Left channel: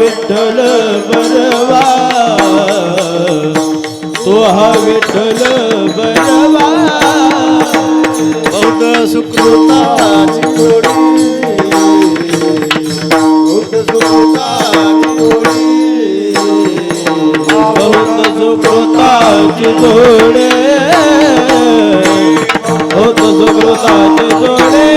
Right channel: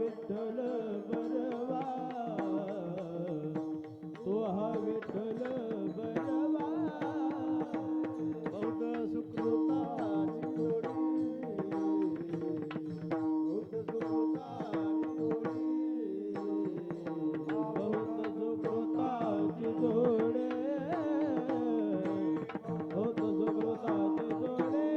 विठ्ठल बरवा, तो हा विठ्ठल बरवा. बौद्ध सुकृताची जोडी, बौद्ध सुकृताची जोडी, बौद्ध सुकृताची जोडे, बौद्ध सुकृताची जोडे.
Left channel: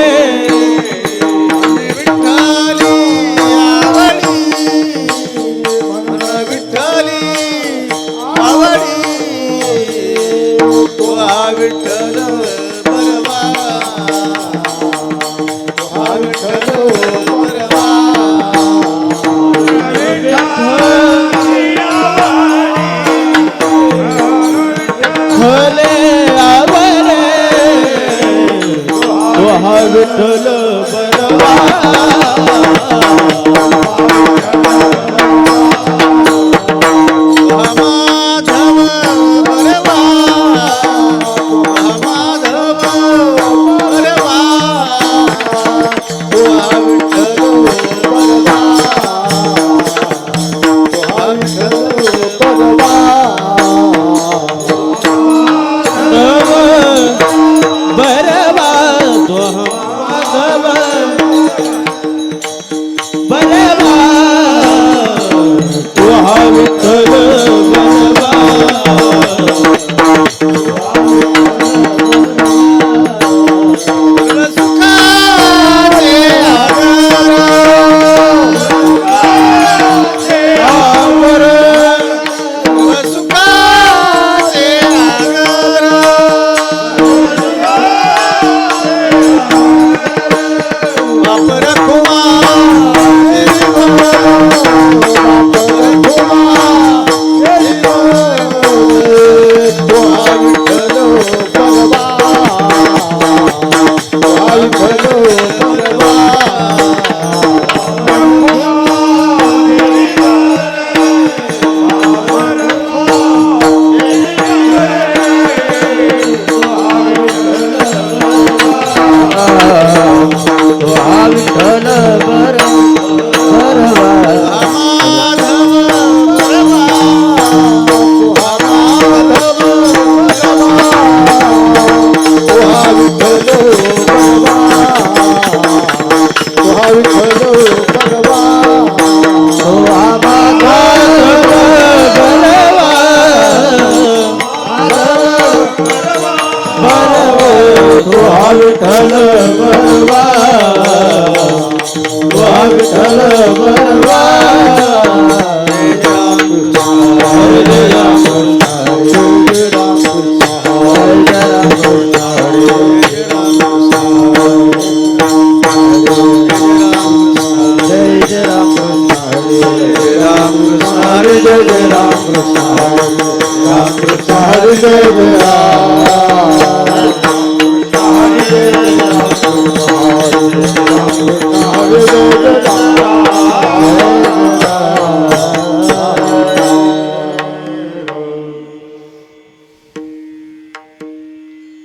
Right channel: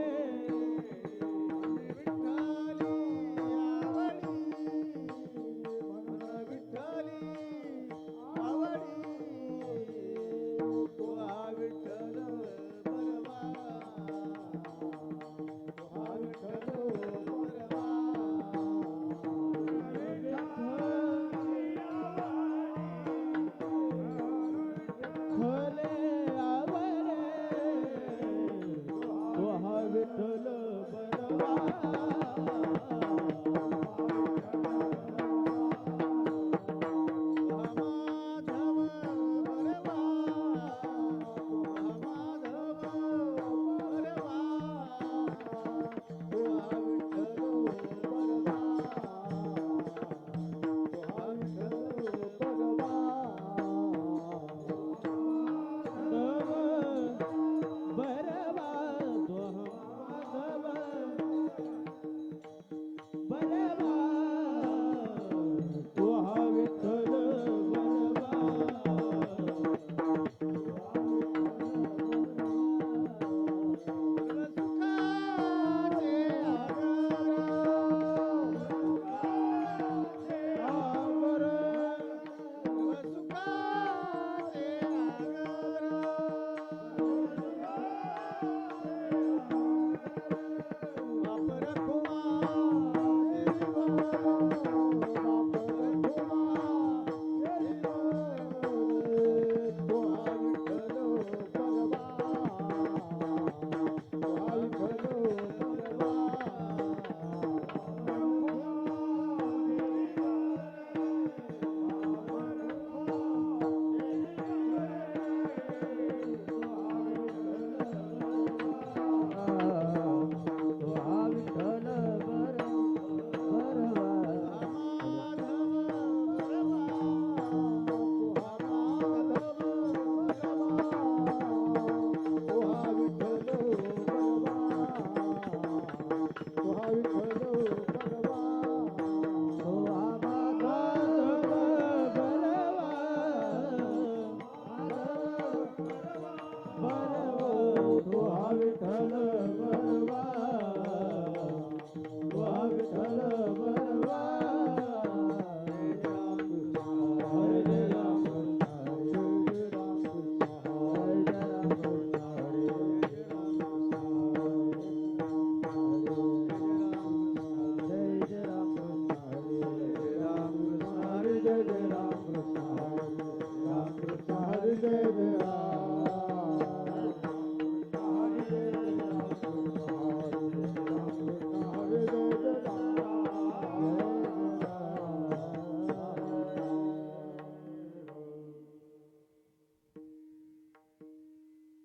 जय राम कृष्ण हरी राम कृष्ण हरी जय जय राम हरी जय राम कृष्ण हरी जय जय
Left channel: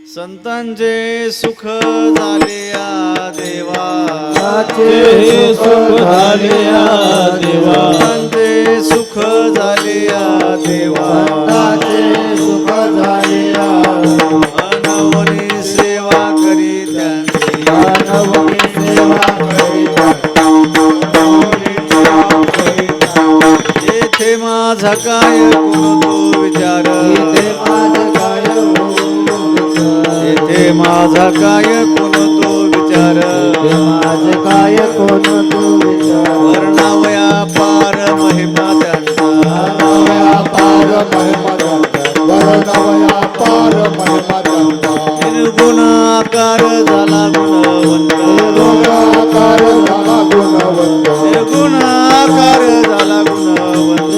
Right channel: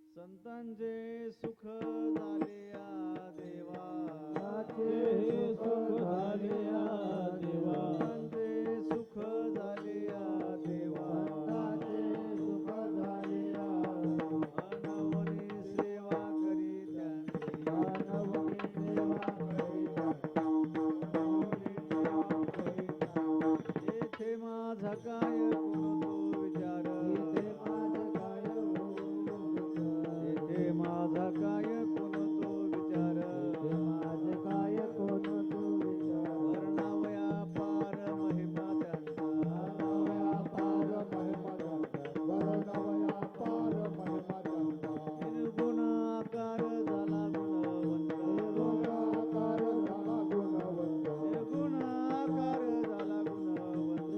संतांचे सुख झाले या देवा हे सुख झाले या देवा संतांचे सुख झाले या देवा सुख झाले अनवनी सेवा करी त्यांची मानवनी सेवा येथे माझा काय कोण तो विचार येथे माझा काय कोण तो विचार काय कोण तू विचार वर्णावया पार महिमा त्यांचा पार महिमा वर्णवया पार महिमा निर्गुण आकार झाला गुणवंत आकार झाला गुणवंत निर्गुण आकार झाला गुणवंत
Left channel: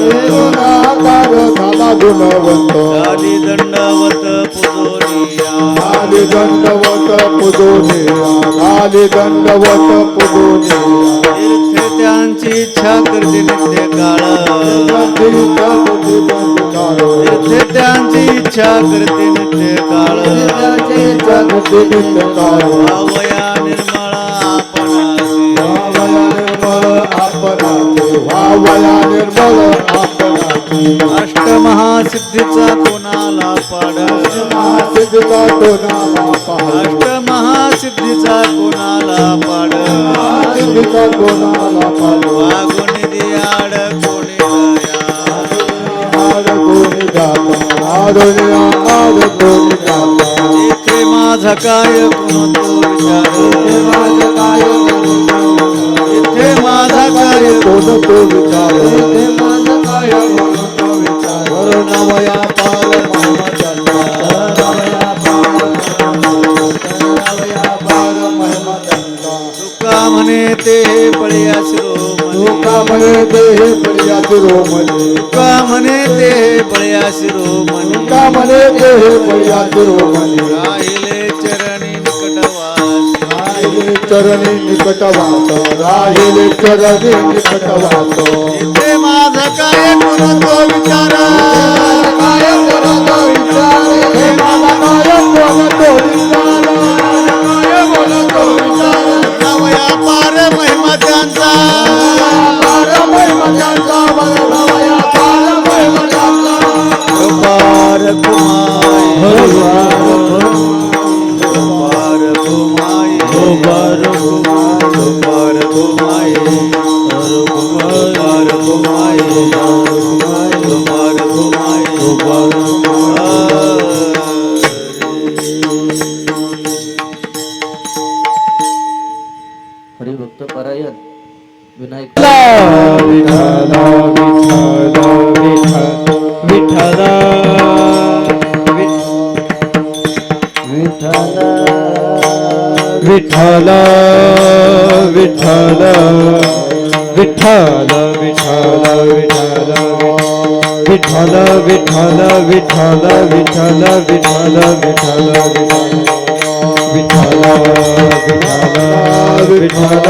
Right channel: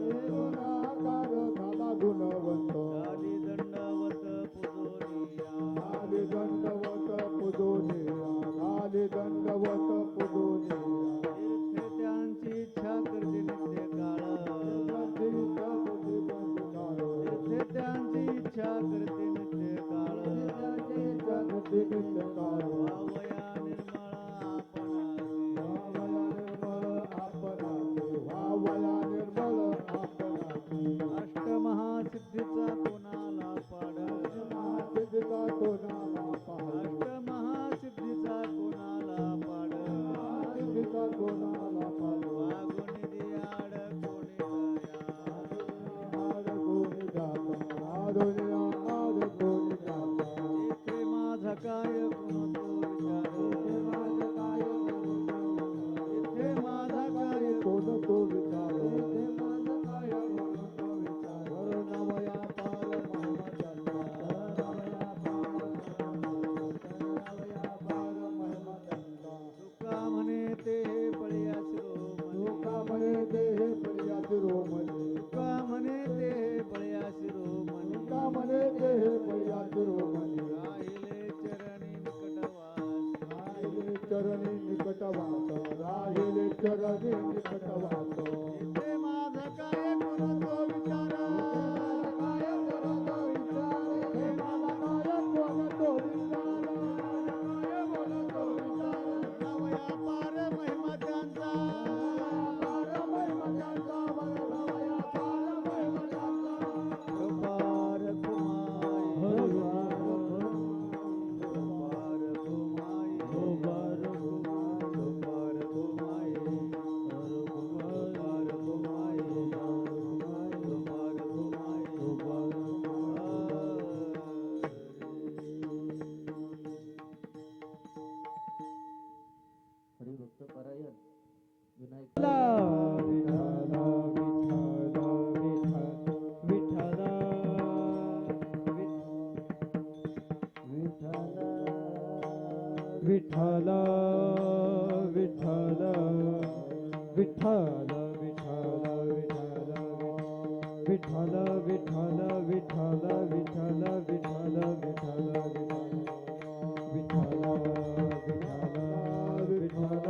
आकार झाला गुणवंत आदी दंडवत पुजोनिया आली दंडवत पुजोनिया दंडवत पुजोनिया तीर्थे त्यांची इच्छा करते नित्य काळ तीर्थे त्यांची इच्छा करते नित्य काळ भावया निर्मळा आपणासी अष्टमहासिद्धीचा कोणाला पाड अष्टमहासिद्धीचा कोणाला पाड वागुन दियाड कोणी इथे माझा काय कोण तो विचार इथे माझा काय कोण तो विचार वर्णवया पार महिमा तुका म्हणे ते बळीया शिरोमणी लोका म्हणे ते प्रिया शिरोमणी तुका म्हणे ते बळीया शिरोमणी लोका म्हणे ते प्रिया शिरोमणी राहिले चरणी निकटवासी राहिले चरणी निकटवास राहिले चरणी निकटवास इथे माझा काय कोण तो विचार काय बोलतो विचार हे मला काय बोलतो विचार काय बोलतो विचार नवया पार महिमा त्यांचा पार महिमा त्यांचा वर्णवया पार महिमा त्यांचा पार कुमाई पार कुमाई पार कुमाई पार कुमाई हरिभक्त परायण विनायक विठ्ठल विठ्ठल विठ्ठल विठ्ठल विठ्ठल विठ्ठल विठ्ठल विठ्ठल विठ्ठल विठ्ठल विठ्ठल विठ्ठल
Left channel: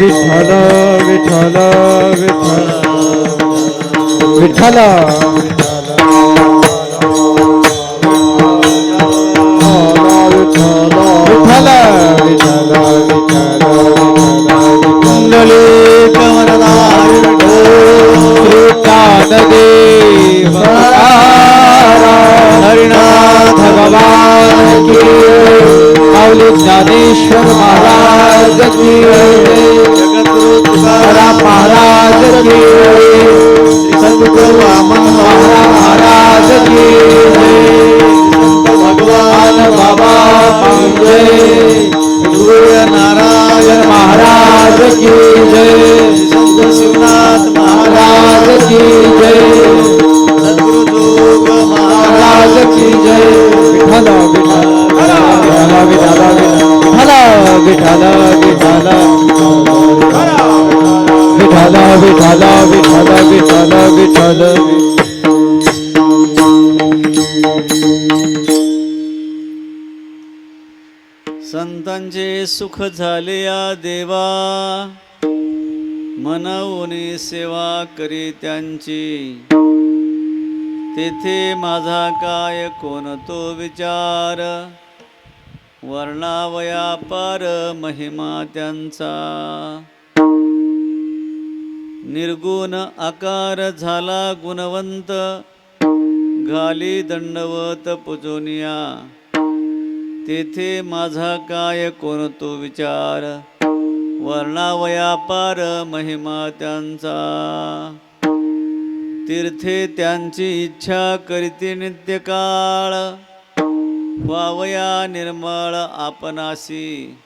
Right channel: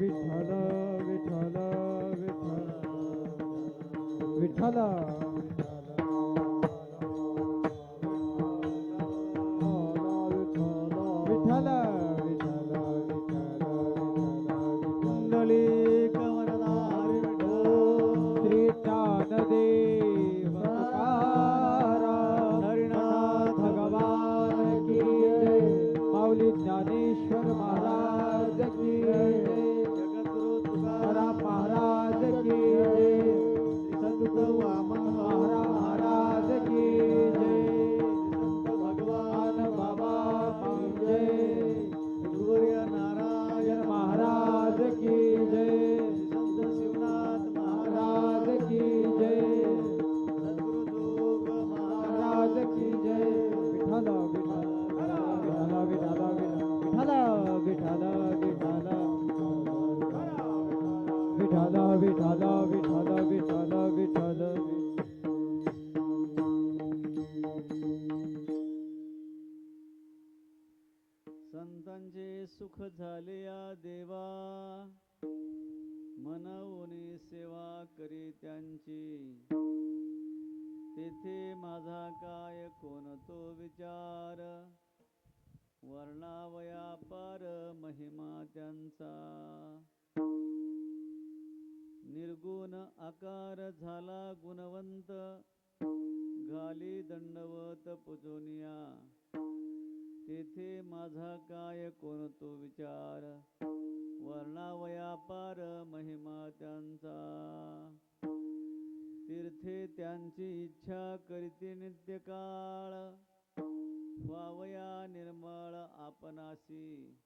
विठ्ठल विठ्ठल विठ्ठल विठ्ठल हरिनाथ भगवान की माऊली ज्ञानेश्वर महाराज की जगद्गुरु तुकाराम महाराज की सद्गुरु वामन महाराज की भगवान बाबा की जय सूर्य नारायण महाराज की जय संत शिवनाथ महाराज की जय सद्गुरु जोग महाराज की जय विठ्ठल विठ्ठल विठ्ठल विठ्ठल विठ्ठल विठ्ठल विठ्ठल विठ्ठल विठ्ठल विठ्ठल संतांचे सुख झाले या देवा, मनवून सेवा करी त्यांची. तेथे माझा काय कोण तो विचार, वर्णावया पार महिमा त्यांचा. निर्गुण आकार झाला गुणवंत, घाली दंडवत पूजोनिया. तेथे माझा काय कोण तो विचार, वर्णावया पार महिमा त्यांचा. तीर्थे त्यांची इच्छा करीते नित्यकाळ, व्हावया निर्मळ आपणासी.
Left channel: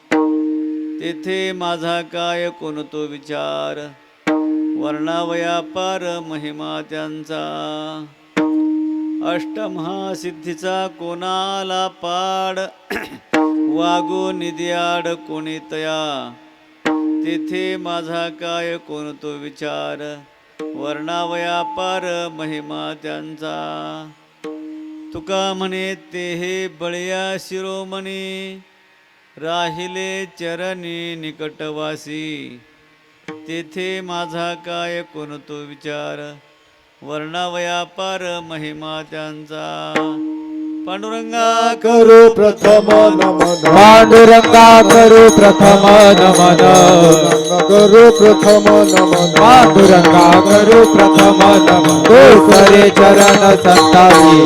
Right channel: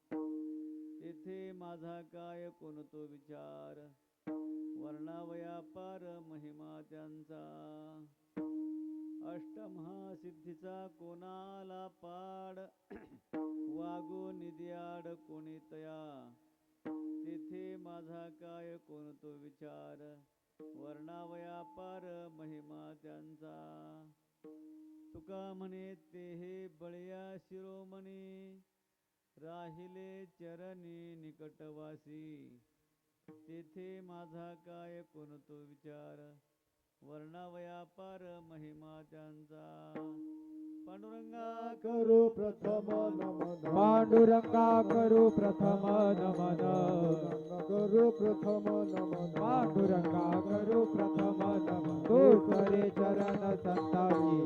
तेथे माझा काय कोण तो विचार, वर्णावया पार महिमा त्यांचा. अष्टमहासिद्धीचा कोणाला पाड, वागू निध्याड कोणी तया. तेथे माझा काय कोण तो विचार, वर्णावया पार महिमा त्यांचा. तुका म्हणे ते हे बळया शिरोमणी, राहिले चरणी निकटवासी. तेथे माझा काय कोण तो विचार, वर्णावया पार महिमा त्यांचा. पांडुरंगा करू प्रथम नमन, पांडुरंगा करू प्रथम नमन, करू प्रथम नमन, पांडुरंगा करू प्रथम नमन. दुसरे चरण संताची,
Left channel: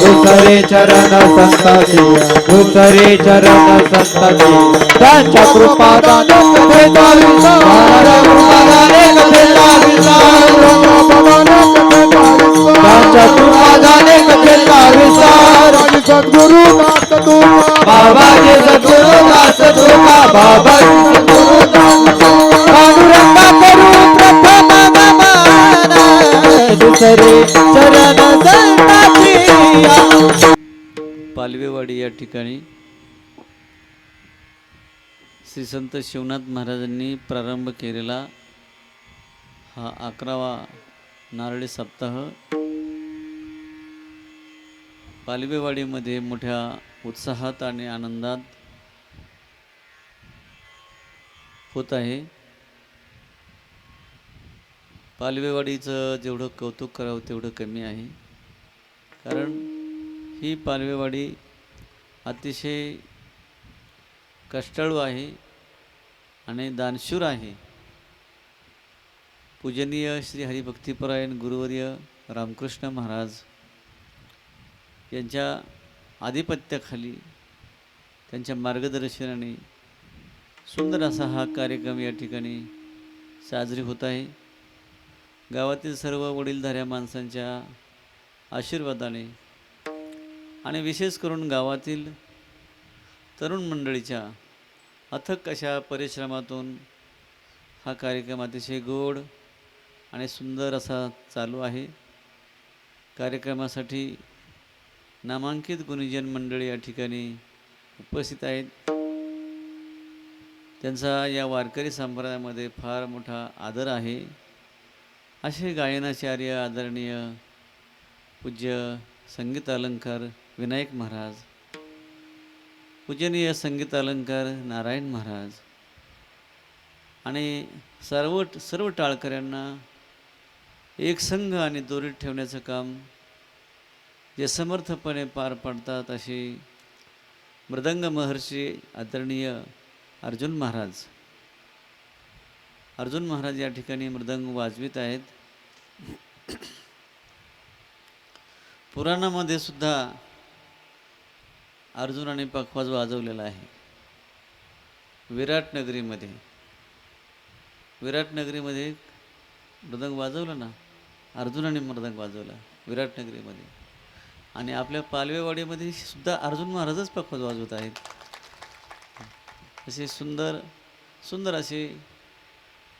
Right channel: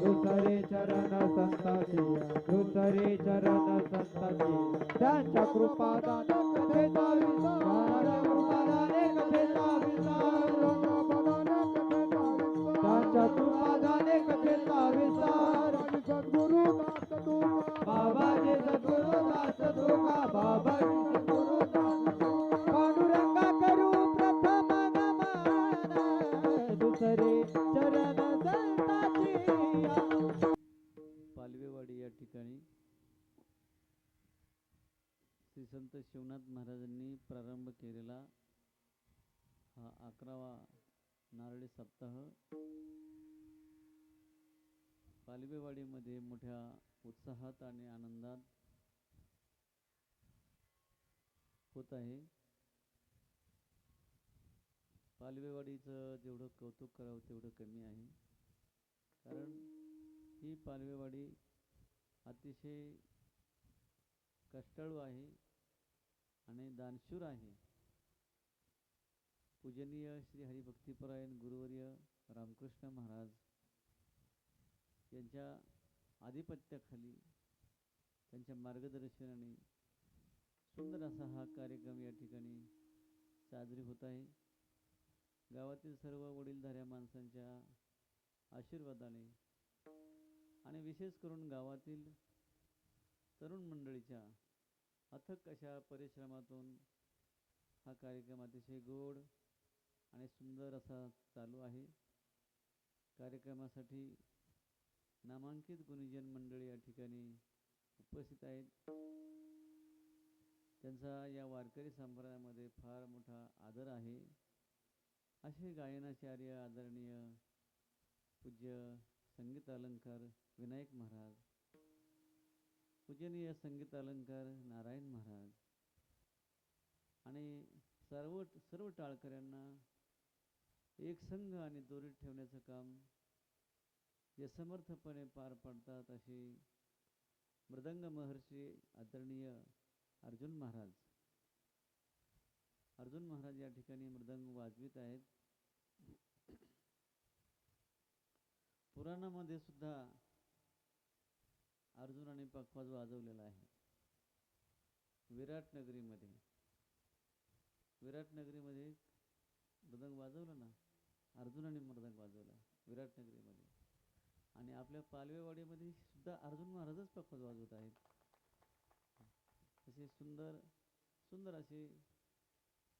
दुसरे चरण संताची, दुसरे चरण संताची. त्यांच्या कृपादाने कथेचा विस्तार, कृपादाने कथेचा विस्तार, त्यांच्या कृपादाने कथेचा विस्तार. सद्गुरु नाथ तुका, बाबाजी सद्गुरु दास तुका, बाबाजी सद्गुरु दास. पांडुरंगा करू प्रथम नमन, दुसरे चरण संताची. पालवेवाडी या ठिकाणी श्री संत शिवनाथ महाराजांनी प्रारंभ केलेला हा 11वा नारळी सप्ताह पालवेवाडीमध्ये मोठ्या उत्साहात आणि आनंदात होत आहे. पालवेवाडीचं जेवढं कौतुक करावं तेवढं कमी आहे, कारण ही पालवेवाडी अतिशय कष्टाळू आहे आणि दानशूर आहे. पूजनीय श्री हरिभक्तिपरायण गुरुवर्य रामकृष्ण महाराज यांच्या आधिपत्याखाली, त्यांच्या मार्गदर्शनाने सुंदर असा हा कार्यक्रम या ठिकाणी साजरी होत आहे. गावातील सर्व वडीलधाऱ्या माणसांच्या आशीर्वादाने आणि विशेष करून गावातील तरुण मंडळीच्या अथक अशा परिश्रमातून हा कार्यक्रम अतिशय गोड आणि सुंदर असा चालू आहे. कार्यक्रमासाठी नामांकित गुणीजन मंडळी या ठिकाणी उपस्थित आहेत. त्यांचा या वारकरी संप्रदायामध्ये फार मोठा आदर आहे. असे गायनाचार्य आदरणीय पूज्य संगीत अलंकार विनायक महाराज, पूजनीय संगीत अलंकार नारायण महाराज आणि सर्व टाळकऱ्यांना एक संघ आणि दोरीत ठेवण्याचं काम जे समर्थपणे पार पाडतात असे मृदंग महर्षी आदरणीय अर्जुन महाराज या ठिकाणी मृदंग वाजवित आहेत. पुराणामध्ये सुद्धा अर्जुनाने पखवाज वाजवलेला आहे. विराटनगरीमध्ये मृदंग वाजवला ना, अर्जुनाने मृदंग वाजवला विराटनगरीमध्ये. आणि आपल्या पालवेवाडीमध्ये सुद्धा अर्जुन महाराजच पखवाज वाजवत आहेत. असे सुंदर असे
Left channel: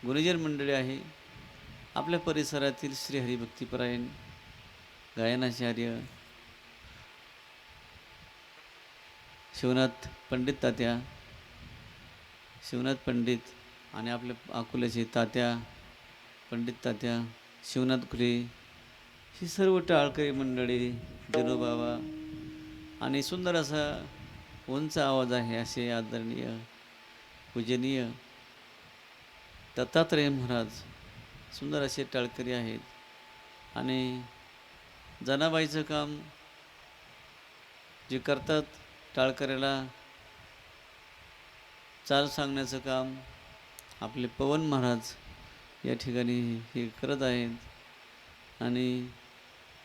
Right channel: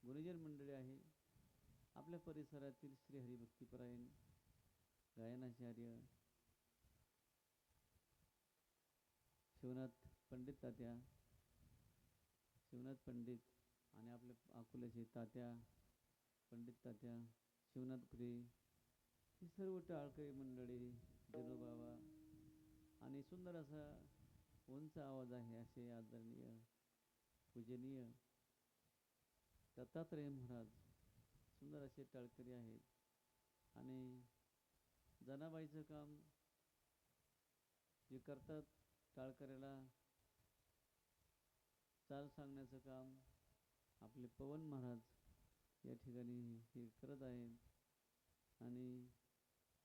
गुणीजन मंडळी आहे. आपल्या परिसरातील श्री हरिभक्तिपरायण गायनाचार्य शिवनाथ पंडित आणि आपल्या अकोल्याचे तात्या पंडित तात्या, शिवनाथ खुले, ही सर्व टाळकरी मंडळी, जनोबाबा आणि सुंदर असा उंच आवाज आहे असे आदरणीय पूजनीय दत्तात्रय महाराज, सुंदर असे टाळकरी आहेत. आणि जनाबाईचं काम जे करतात, टाळकऱ्याला चाल सांगण्याचं काम आपले पवन महाराज या ठिकाणी हे करत आहेत. आणि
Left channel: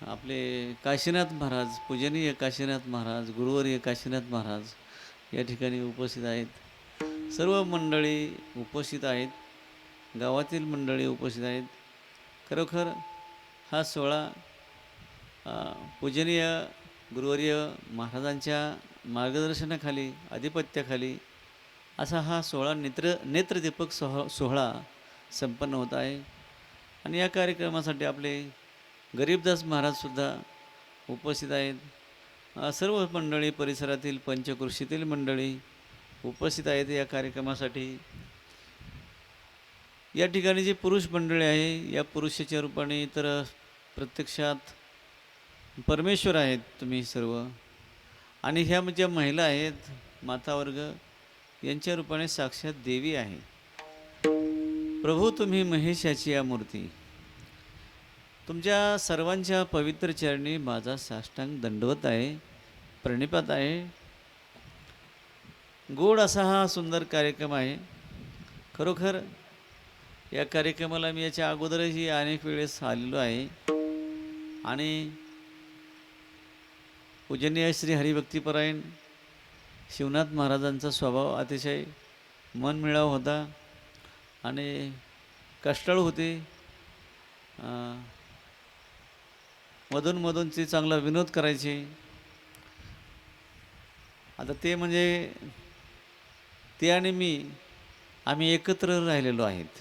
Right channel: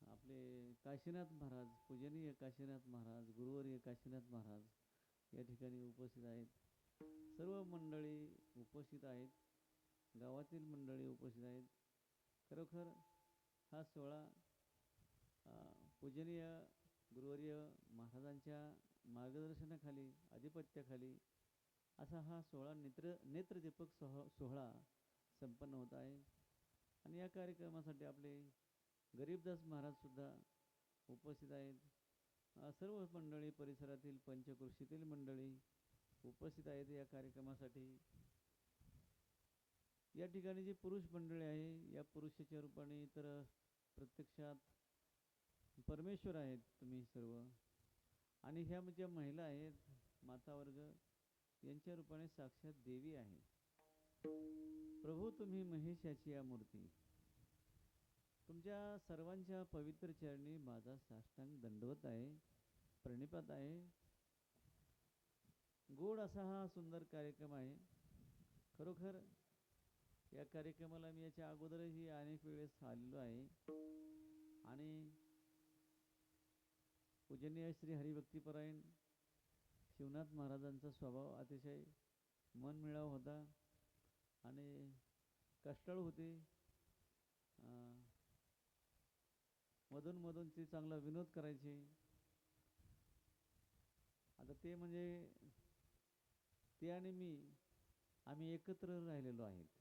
आपले काशीनाथ महाराज, पूजनीय काशीनाथ महाराज, गुरुवर्य काशीनाथ महाराज या ठिकाणी उपस्थित आहेत. सर्व मंडळी उपस्थित आहेत, गावातील मंडळी उपस्थित आहेत. खरोखर हा सोहळा पूजनीय गुरुवर्य महाराजांच्या मार्गदर्शनाखाली, आधिपत्याखाली असा हा सोहळा नेत्रदीपक सोहळा संपन्न होत आहे. आणि या कार्यक्रमासाठी आपले गरीबदास महाराजसुद्धा उपस्थित आहेत. सर्व मंडळी, परिसरातील पंचकृषीतील मंडळी उपस्थित आहेत या कार्यक्रमासाठी. या ठिकाणी जी पुरुष मंडळी आहे, या पुरुषाच्या रूपाने तर प्रत्यक्षात परमेश्वर आहेत तुम्ही सर्व. आणि ह्या ज्या महिला आहेत, मातावर्ग, यांच्या रूपाने साक्षात देवी आहे. प्रभू तुम्ही महेशाची या मूर्ती. तुमच्या सर्वांच्या पवित्र चरणी माझा साष्टांग दंडवत आहे, प्रणिपात आहे. गोड असा हा सुंदर कार्यक्रम आहे. खरोखर या कार्यक्रमाला मी याच्या अगोदरही अनेक वेळेस आलेलो आहे. आणि पूजनीय श्री हरिभक्तीपरायण शिवनाथ महाराजांचा स्वभाव अतिशय मनमिळाऊ होता आणि कष्टाळू होते. मधून ते चांगला विनोद करायचे. आता ते म्हणजे ते आणि मी आम्ही एकत्र राहिलेलो आहेत.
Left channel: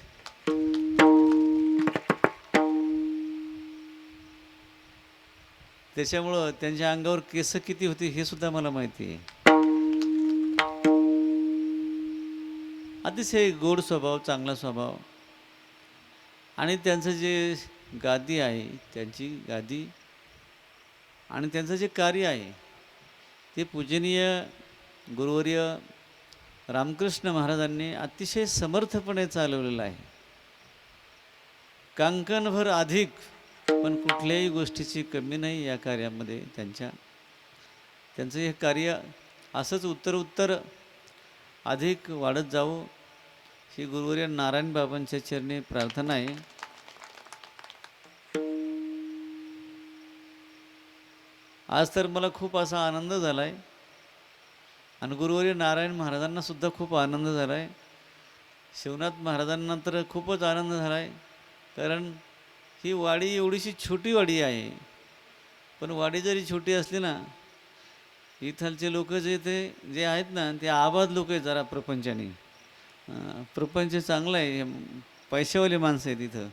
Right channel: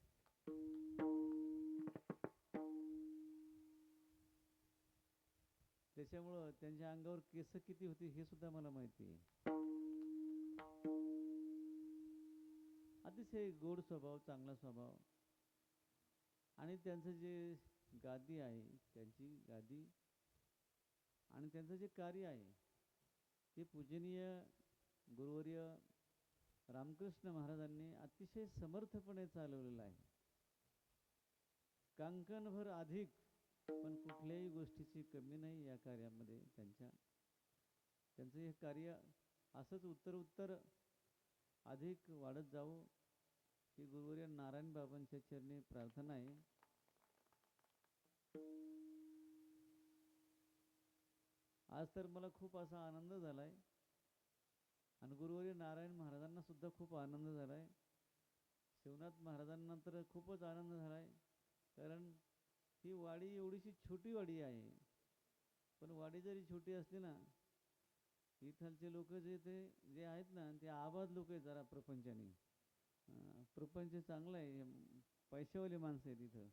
त्याच्यामुळं त्यांच्या अंगावर केस किती होती हे सुद्धा मला माहिती आहे. अतिशय गोड स्वभाव, चांगला स्वभाव. आणि त्यांचं जे गादी आहे, त्यांची गादी आणि त्यांचं जे कार्य आहे ते पूजनीय गुरुवर्य रामकृष्ण महाराजांनी अतिशय समर्थपणे चालवलेलं आहे. कांकणभर अधिक, पण कुठल्याही गोष्टीची कमी नाही या कार्यामध्ये. त्यांचं हे कार्य असंच उत्तर अधिक वाढत जावं ही गुरुवर्य नारायण बाबांच्या चरणी प्रार्थना आहे. आज तर मला खूप असा आनंद झाला आहे आणि गुरुवर्य नारायण महाराजांना सुद्धा खूप आनंद झाला आहे. शिवनाथ महाराजांना तर खूपच आनंद झाला आहे. कारण ही वाडी एवढीशी छोटी वाडी आहे, पण वाडी जरी छोटी असली ना, इथलचे लोक जे आहेत ना, ते आबाद लोक आहेत जरा प्रपंचाने. प्रपंच चांगला आहे, पैशावाले माणसं आहेत इथं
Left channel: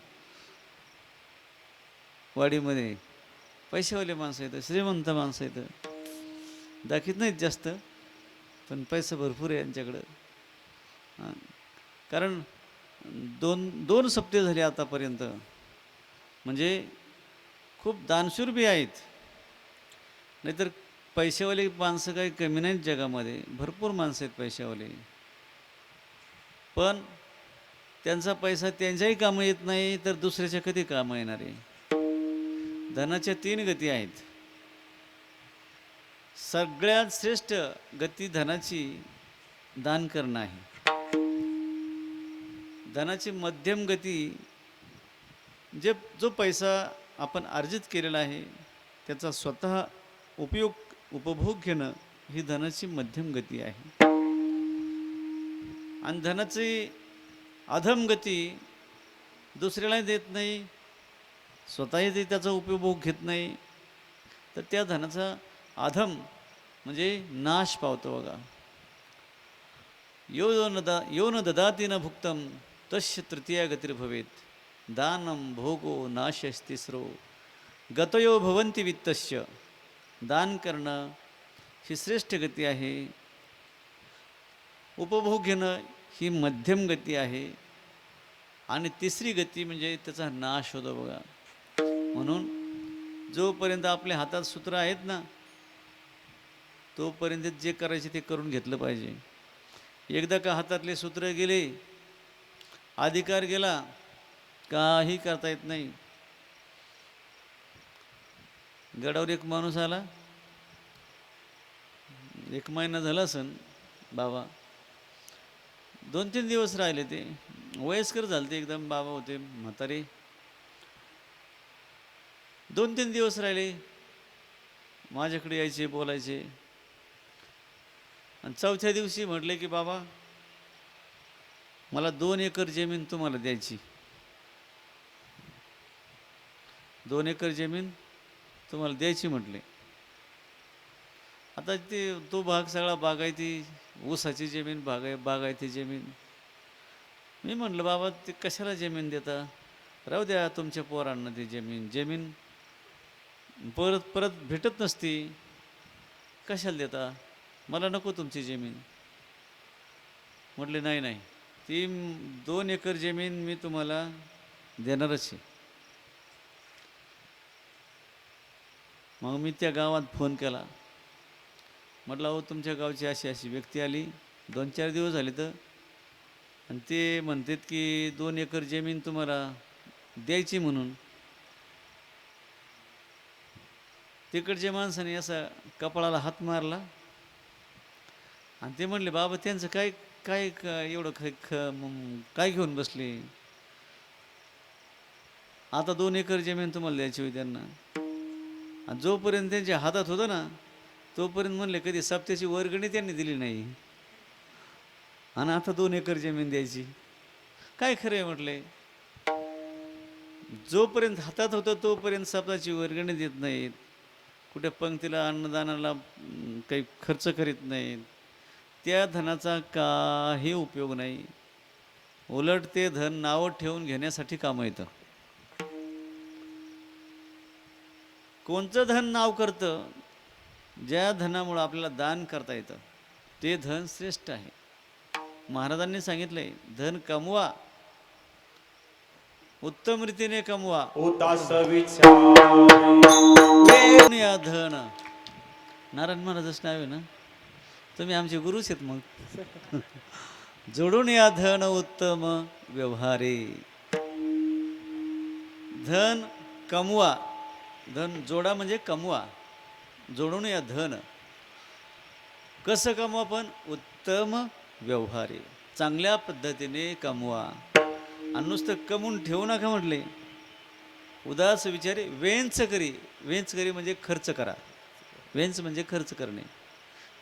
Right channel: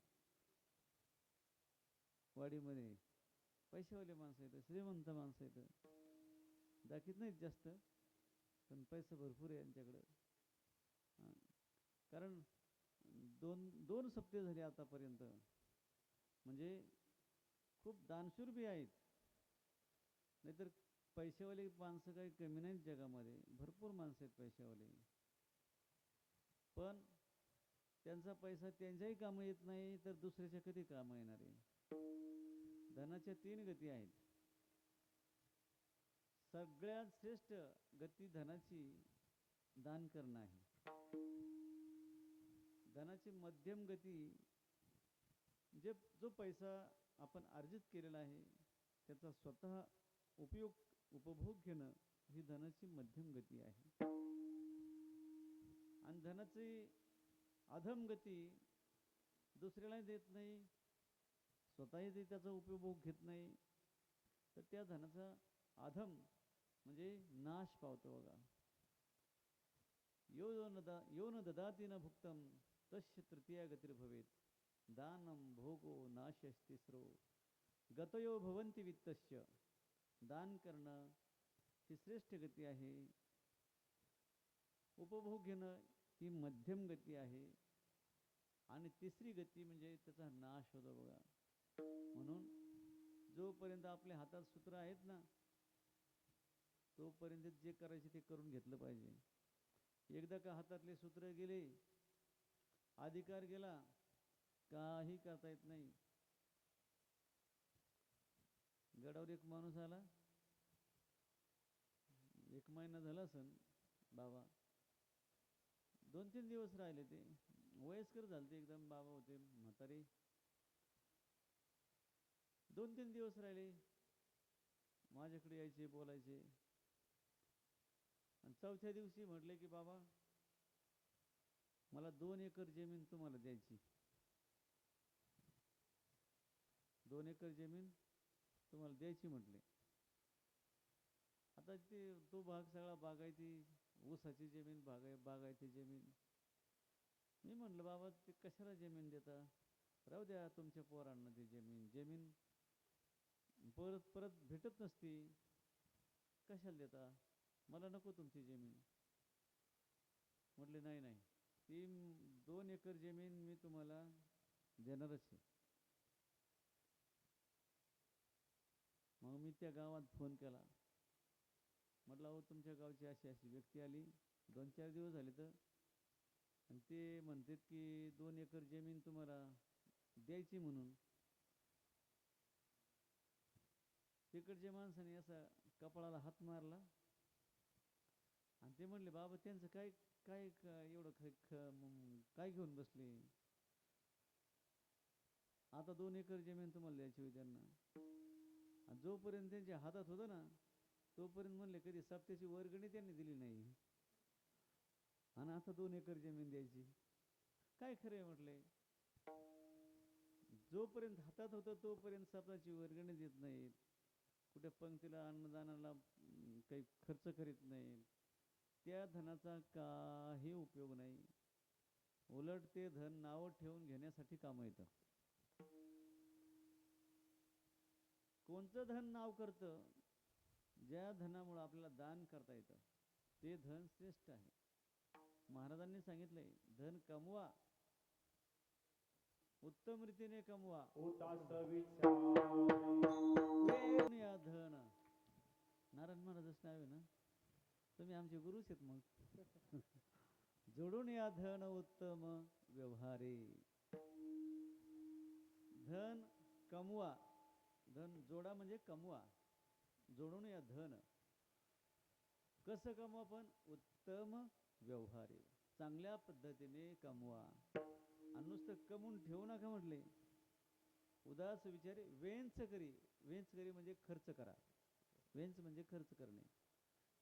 वाडीमध्ये. पैशावाले माणसं आहेत, श्रीमंत माणसं आहेत. दाखीत नाहीत जास्त, पण पैसा भरपूर आहे यांच्याकडं. कारण दोन सप्ते झाले आतापर्यंत. म्हणजे खूप दानशूर बी आहेत. नाहीतर पैशावाले माणसं काही कमी नाहीत जगामध्ये, भरपूर माणसं आहेत पैशावाले. पण त्यांचा पैसा त्यांच्याही कामं येत नाही, तर दुसऱ्याच्या कधी कामं येणार आहे. धनाच्या 3 गती आहेत. सगळ्यात श्रेष्ठ गती धनाची दान करणं आहे. धनाची मध्यम गती, जो पैसा आपण अर्जित केलेला आहे त्याचा स्वतः उपभोग घेणं ही धनाची मध्यम गती आहे. आणि धनाची अधम गती दुसऱ्यालाही देत नाही, स्वतःही ते त्याचा उपभोग घेत नाही, तर त्या धनाचा अधम म्हणजे नाश पावतो बघा. यो न ददाति न भुक्तम तस्य तृतीया गतिर्भवेत. दानम भोगो नाशस्तिस्रो गतयो भवन्ति वित्तस्य. दान करणं ही श्रेष्ठ गती आहे. उपभोग घेणं ही मध्यम गती आहे. आणि तिसरी गती म्हणजे त्याचा नाश होतो बघा. म्हणून जोपर्यंत आपल्या हातात सूत्र आहेत ना, तोपर्यंत जे करायचे ते करून घेतलं पाहिजे. एकदा का हातातले सूत्र गेले, अधिकार गेला, काही करता येत नाही. गडावर एक माणूस आला, 1 महिना झाला असन बाबा, 2-3 दिवस राहिले. ते वयस्कर झाले, ते एकदम बाबा होते, म्हातारे. 2-3 दिवस राहिले, माझ्याकडे यायचे, बोलायचे. आणि 4थ्या दिवशी म्हटले की बाबा, मला 2 एकर जमीन तुम्हाला द्यायची. 2 एकर जमीन तुम्हाला द्यायची म्हटले. आता तो भाग सगळा बागायती, ऊसाची जमीन, बागायती जमीन. मी म्हटलं बाबा, ते कशाला जमीन देता, राहू द्या तुमच्या पोरांना ती जमीन परत परत भेटत नसती, कशाला देता, मला नको तुमची जमीन. म्हटले नाही नाही, ती 2 एकर जमीन मी तुम्हाला देणारच आहे. मग मी त्या गावात फोन केला, म्हटलं अहो तुमच्या गावची अशी अशी व्यक्ती आली, 2-4 दिवस झाले तर, आणि ते म्हणतात की 2 एकर जमीन तुम्हाला द्यायची म्हणून. तिकडच्या माणसाने असा कपाळाला हात मारला आणि ते म्हणले बाबा, त्यांचं काय काय एवढं काय घेऊन बसले, आता 2 एकर जमीन तुम्हाला द्यायची होती त्यांना. आणि जोपर्यंत त्यांच्या हातात होतं ना, तोपर्यंत म्हणले कधी सप्त्याची वर्गणी त्यांनी दिली नाही, आणि आता 2 एकर जमीन द्यायची, काय खरं आहे म्हटले. जोपर्यंत हातात होतं तोपर्यंत सप्ताची वर्गणी देत नाहीत, कुठे पंक्तीला अन्नदानाला काही खर्च करीत नाहीत, त्या धनाचा काही उपयोग नाही. उलट ते धन नावं ठेवून घेण्यासाठी कामं येतं. कोणतं धन नाव करतं, ज्या धनामुळं आपल्याला दान करता येतं ते धन श्रेष्ठ आहे. महाराजांनी सांगितलंय, धन कमवा, उत्तम रीतीने कमवा. या धन, नारायण महाराजच नाव आहे ना, तुम्ही आमचे गुरुच आहेत. मग जोडून या धन उत्तम व्यवहारे. धन कमवा, धन जोडा म्हणजे कमवा, जोडून या धन. कसं कमवा, पण उत्तम व्यवहारे, चांगल्या पद्धतीने कमवा. आणि नुसतं कमवून ठेवू नका म्हटले. उदास विचारे वेंच करी, वेंच करी म्हणजे खर्च करा, वेंच म्हणजे खर्च करणे.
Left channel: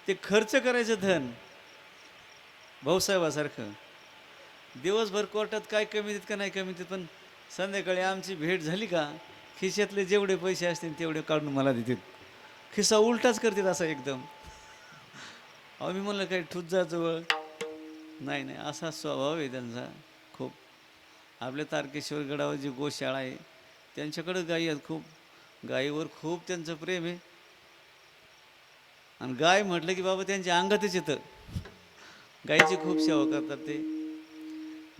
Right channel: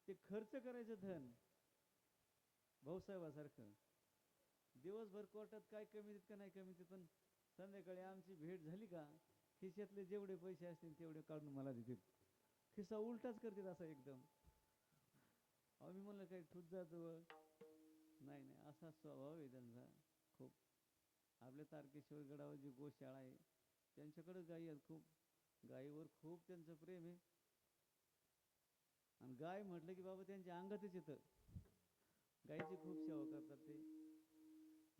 ते खर्च करायचं धन भाऊसाहेबासारखं दिवसभर कोर्टात काय कमी देत का नाही कमी देत, पण संध्याकाळी आमची भेट झाली का खिशातले जेवढे पैसे असतील तेवढे काढून मला देतात. खिसा उलटाच करतात असा एकदम. अहो मी म्हणलं काही ठुत जा जवळ, नाही नाही, असा स्वभाव आहे त्यांचा. खूप आपल्या तारकेश्वर गडावर जी गोशाळा आहे त्यांच्याकडं गायी आहेत खूप, गायीवर खूप त्यांचं प्रेम आहे. आणि गाय म्हटलं की बाबा त्यांच्या अंगातच येतं. गायीची खूप सेवा करतात ते.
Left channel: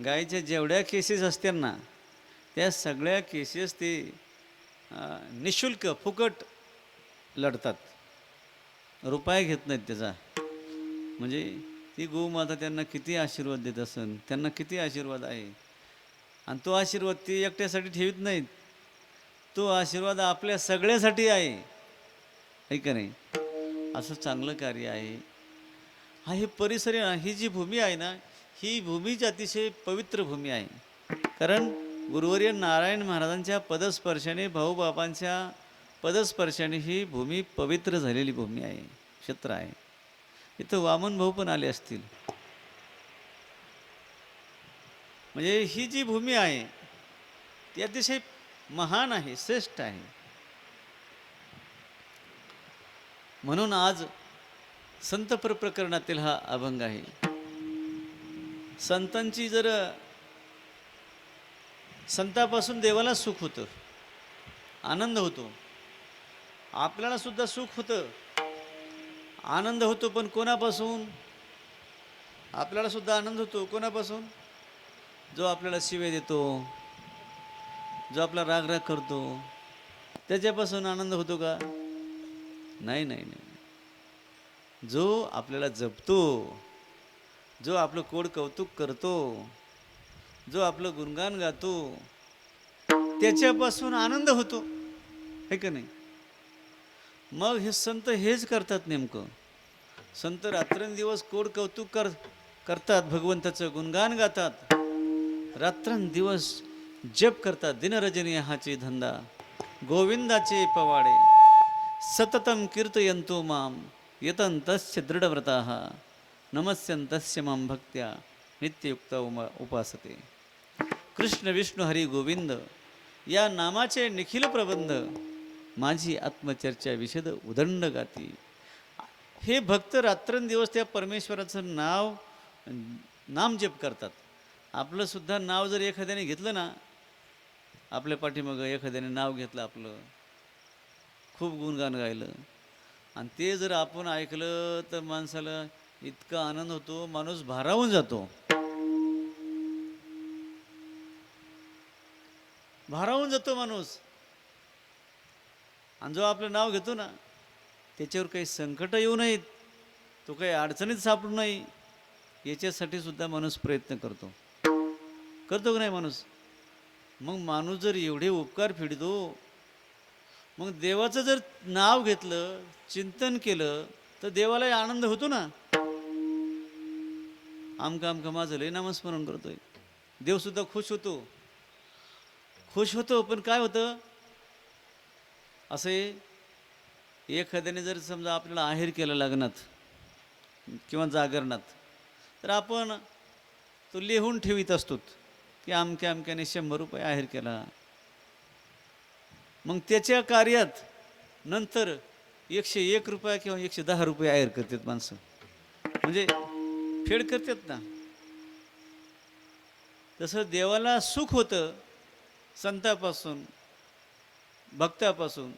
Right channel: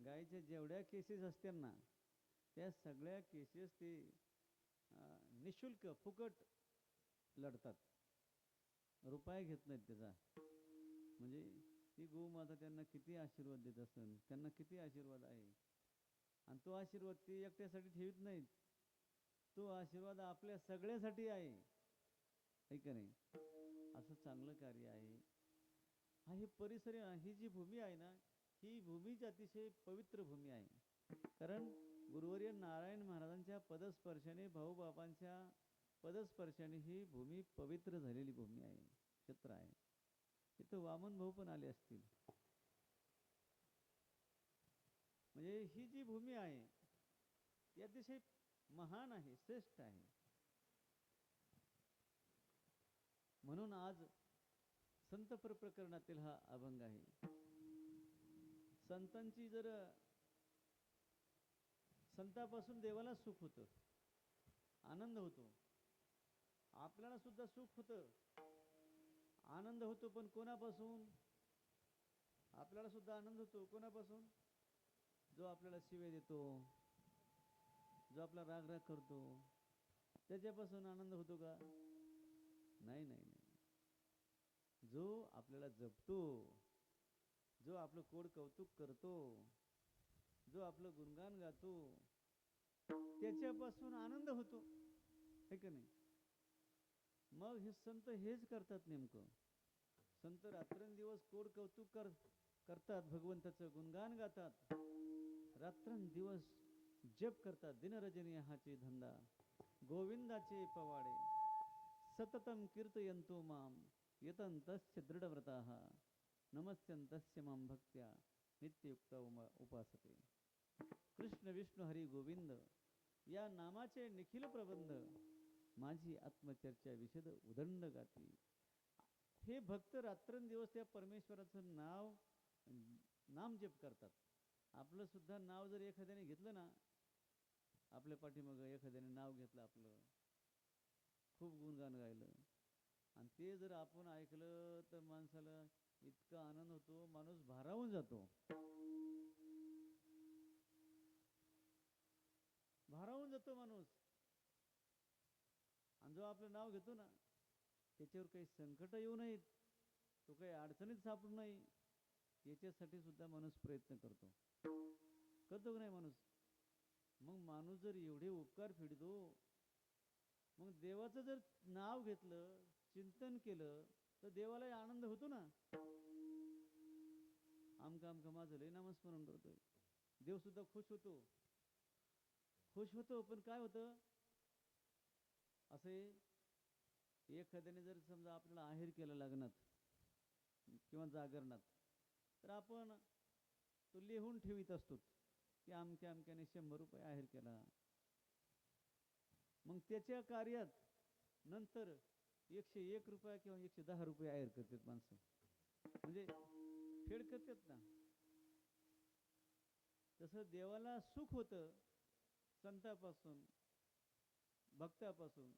गायीच्या जेवढ्या केसेस असतात ना त्या सगळ्या केसेस ते निशुल्क फुकट लढतात, रुपया घेत नाहीत त्याचा. म्हणजे ती गोमाता त्यांना किती आशीर्वाद देत असेल, त्यांना किती आशीर्वाद आहे. आणि तो आशीर्वाद ती एकट्यासाठी ठेवीत नाहीत, तो आशीर्वाद आपल्या सगळ्यासाठी आहे का नाही. असं चांगलं कार्य आहे. हा हे परिसर आहे ना, ही जी भूमी आहे ना, ही भूमीची अतिशय पवित्र भूमी आहे. कारण गुरुवर्य नारायण महाराजांच्या पदस्पर्शाने, भाऊबापांच्या पदस्पर्शाने ही भूमी पवित्र झालेली भूमी आहे, क्षेत्र आहे. इथं वामन भाऊ पण आले असतील. म्हणजे ही जी भूमी आहे ती अतिशय महान आहे, श्रेष्ठ आहे. म्हणून आज संत प्रकरणातील हा अभंग आहे. संतांची जर संतापासून देवाला सुख होतं, आनंद होतो, आपल्याला सुद्धा सुख होतं, आनंद होतो. पण कोणापासून? आपल्याला सुद्धा आनंद होतो कोणापासून? जो आपल्याला शिवे देतो, जो आपला राग करतो, त्याच्यापासून आनंद होतो का? नाही नाही नाही. जो आपल्याला जपतो, जो आपलं कोड कौतुक करतो, जो आपलं गुणगान गातो, त्याच्यापासून आनंद होतो, है का नाही? मग हे संत हेच करतात नेमकं. संत रात्रंदिवस कोड कौतुक करतात, भगवंताचं गुणगान गातात, रात्रंदिवस जप करतात. दिनरजनी हाची धंदा, गोविंदाचे पवाडे, सततम कीर्तयंतो माम यतंतस्य दृढव्रताः नमस्यंतस्य मां भक्त्या नित्ययुक्त उपासते. कृष्ण विष्णू हरी गोविंद या नामाचे निखिल प्रबंध, माझी आत्मचर्चा विशद उदंड गाती. हे भक्त रात्रंदिवस त्या परमेश्वराचं नाम जप करतात. आपलं सुद्धा नाव जर एखाद्याने घेतलं ना, आपल्या पाठीमागं एखाद्याने नाव घेतलं, आपलं खूप गुणगान गायलं, आणि ते जर आपण ऐकलं तर माणसाला इतका आनंद होतो, माणूस भारावून जातो. भारावून जातो माणूस. आणि जो आपलं नाव घेतो ना, त्याच्यावर काही संकट येऊ नयेत, तो काही अडचणीत सापडू नये, याच्यासाठी सुद्धा माणूस प्रयत्न करतो का नाही माणूस? मग माणूस जर एवढे उपकार फेडतो, मग देवाचं जर नाव घेतलं, चिंतन केलं, तर देवालाही आनंद होतो ना. आमका माझं लय नामस्मरण करतोय, देवसुद्धा खुश होतो. पण काय होतं, असे एखाद्याने जर समजा आपल्याला आहेर केलं लग्नात किंवा जागरणात, तर आपण तो लिहून ठेवीत असतो की अमक्याने 100 रुपये आहेर केला. मग त्याच्या कार्यात नंतर 101 रुपया किंवा 110 रुपये आहेर करतात माणसं, म्हणजे फेड करतात ना. तसं देवाला सुख होतं संतापासून, भक्तापासून,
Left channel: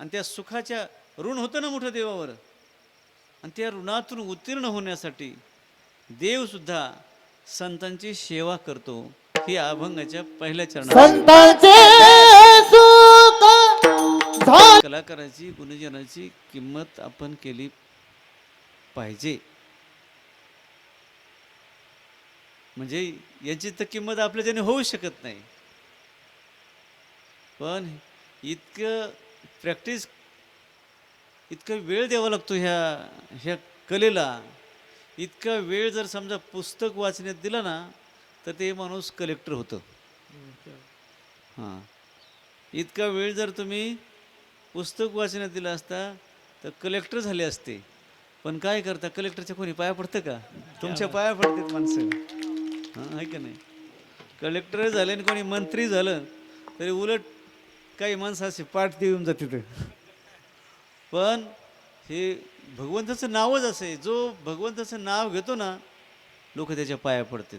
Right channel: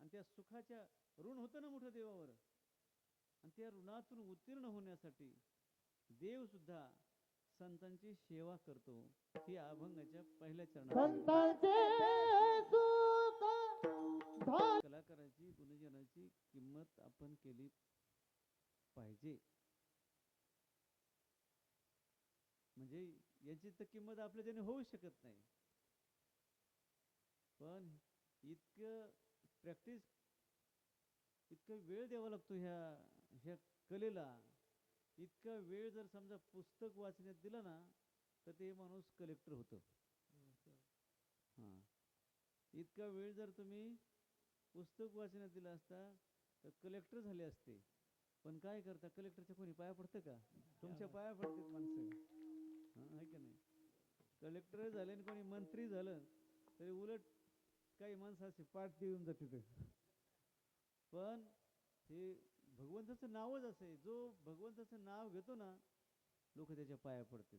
आणि त्या सुखाच्या ऋण होतं ना मोठं देवावर, आणि त्या ऋणातून उत्तीर्ण होण्यासाठी देवसुद्धा संतांची सेवा करतो. ही अभंगाच्या पहिल्या चरणात संतांचे सुख झाले. कलाकाराची, गुणजनाची किंमत आपण केली पाहिजे. म्हणजे याची तर किंमत आपल्याच्याने होऊ शकत नाही, पण इतकं प्रॅक्टिस, इतका वेळ द्यावा लागतो ह्या कलेला. इतका वेळ जर समजा पुस्तक वाचण्यात दिला ना, तर ते माणूस कलेक्टर होतं. हां, इतका वेळ जर तुम्ही पुस्तक वाचण्यात दिला असता तर कलेक्टर झाले असते. पण काय करता, कलेक्टरच्या कोणी पाया पडतं का? तुमच्या पाया पडतात माणसं. हां, आहे का नाही? कलेक्टर झाले आणि कोणी मंत्री झालं तरी उलट काही माणसं असे पाठ देऊन जाते. पण हे भगवंताचं नावच असे, जो भगवंताचं नाव घेतो ना, लोक त्याच्या पाया पडतात.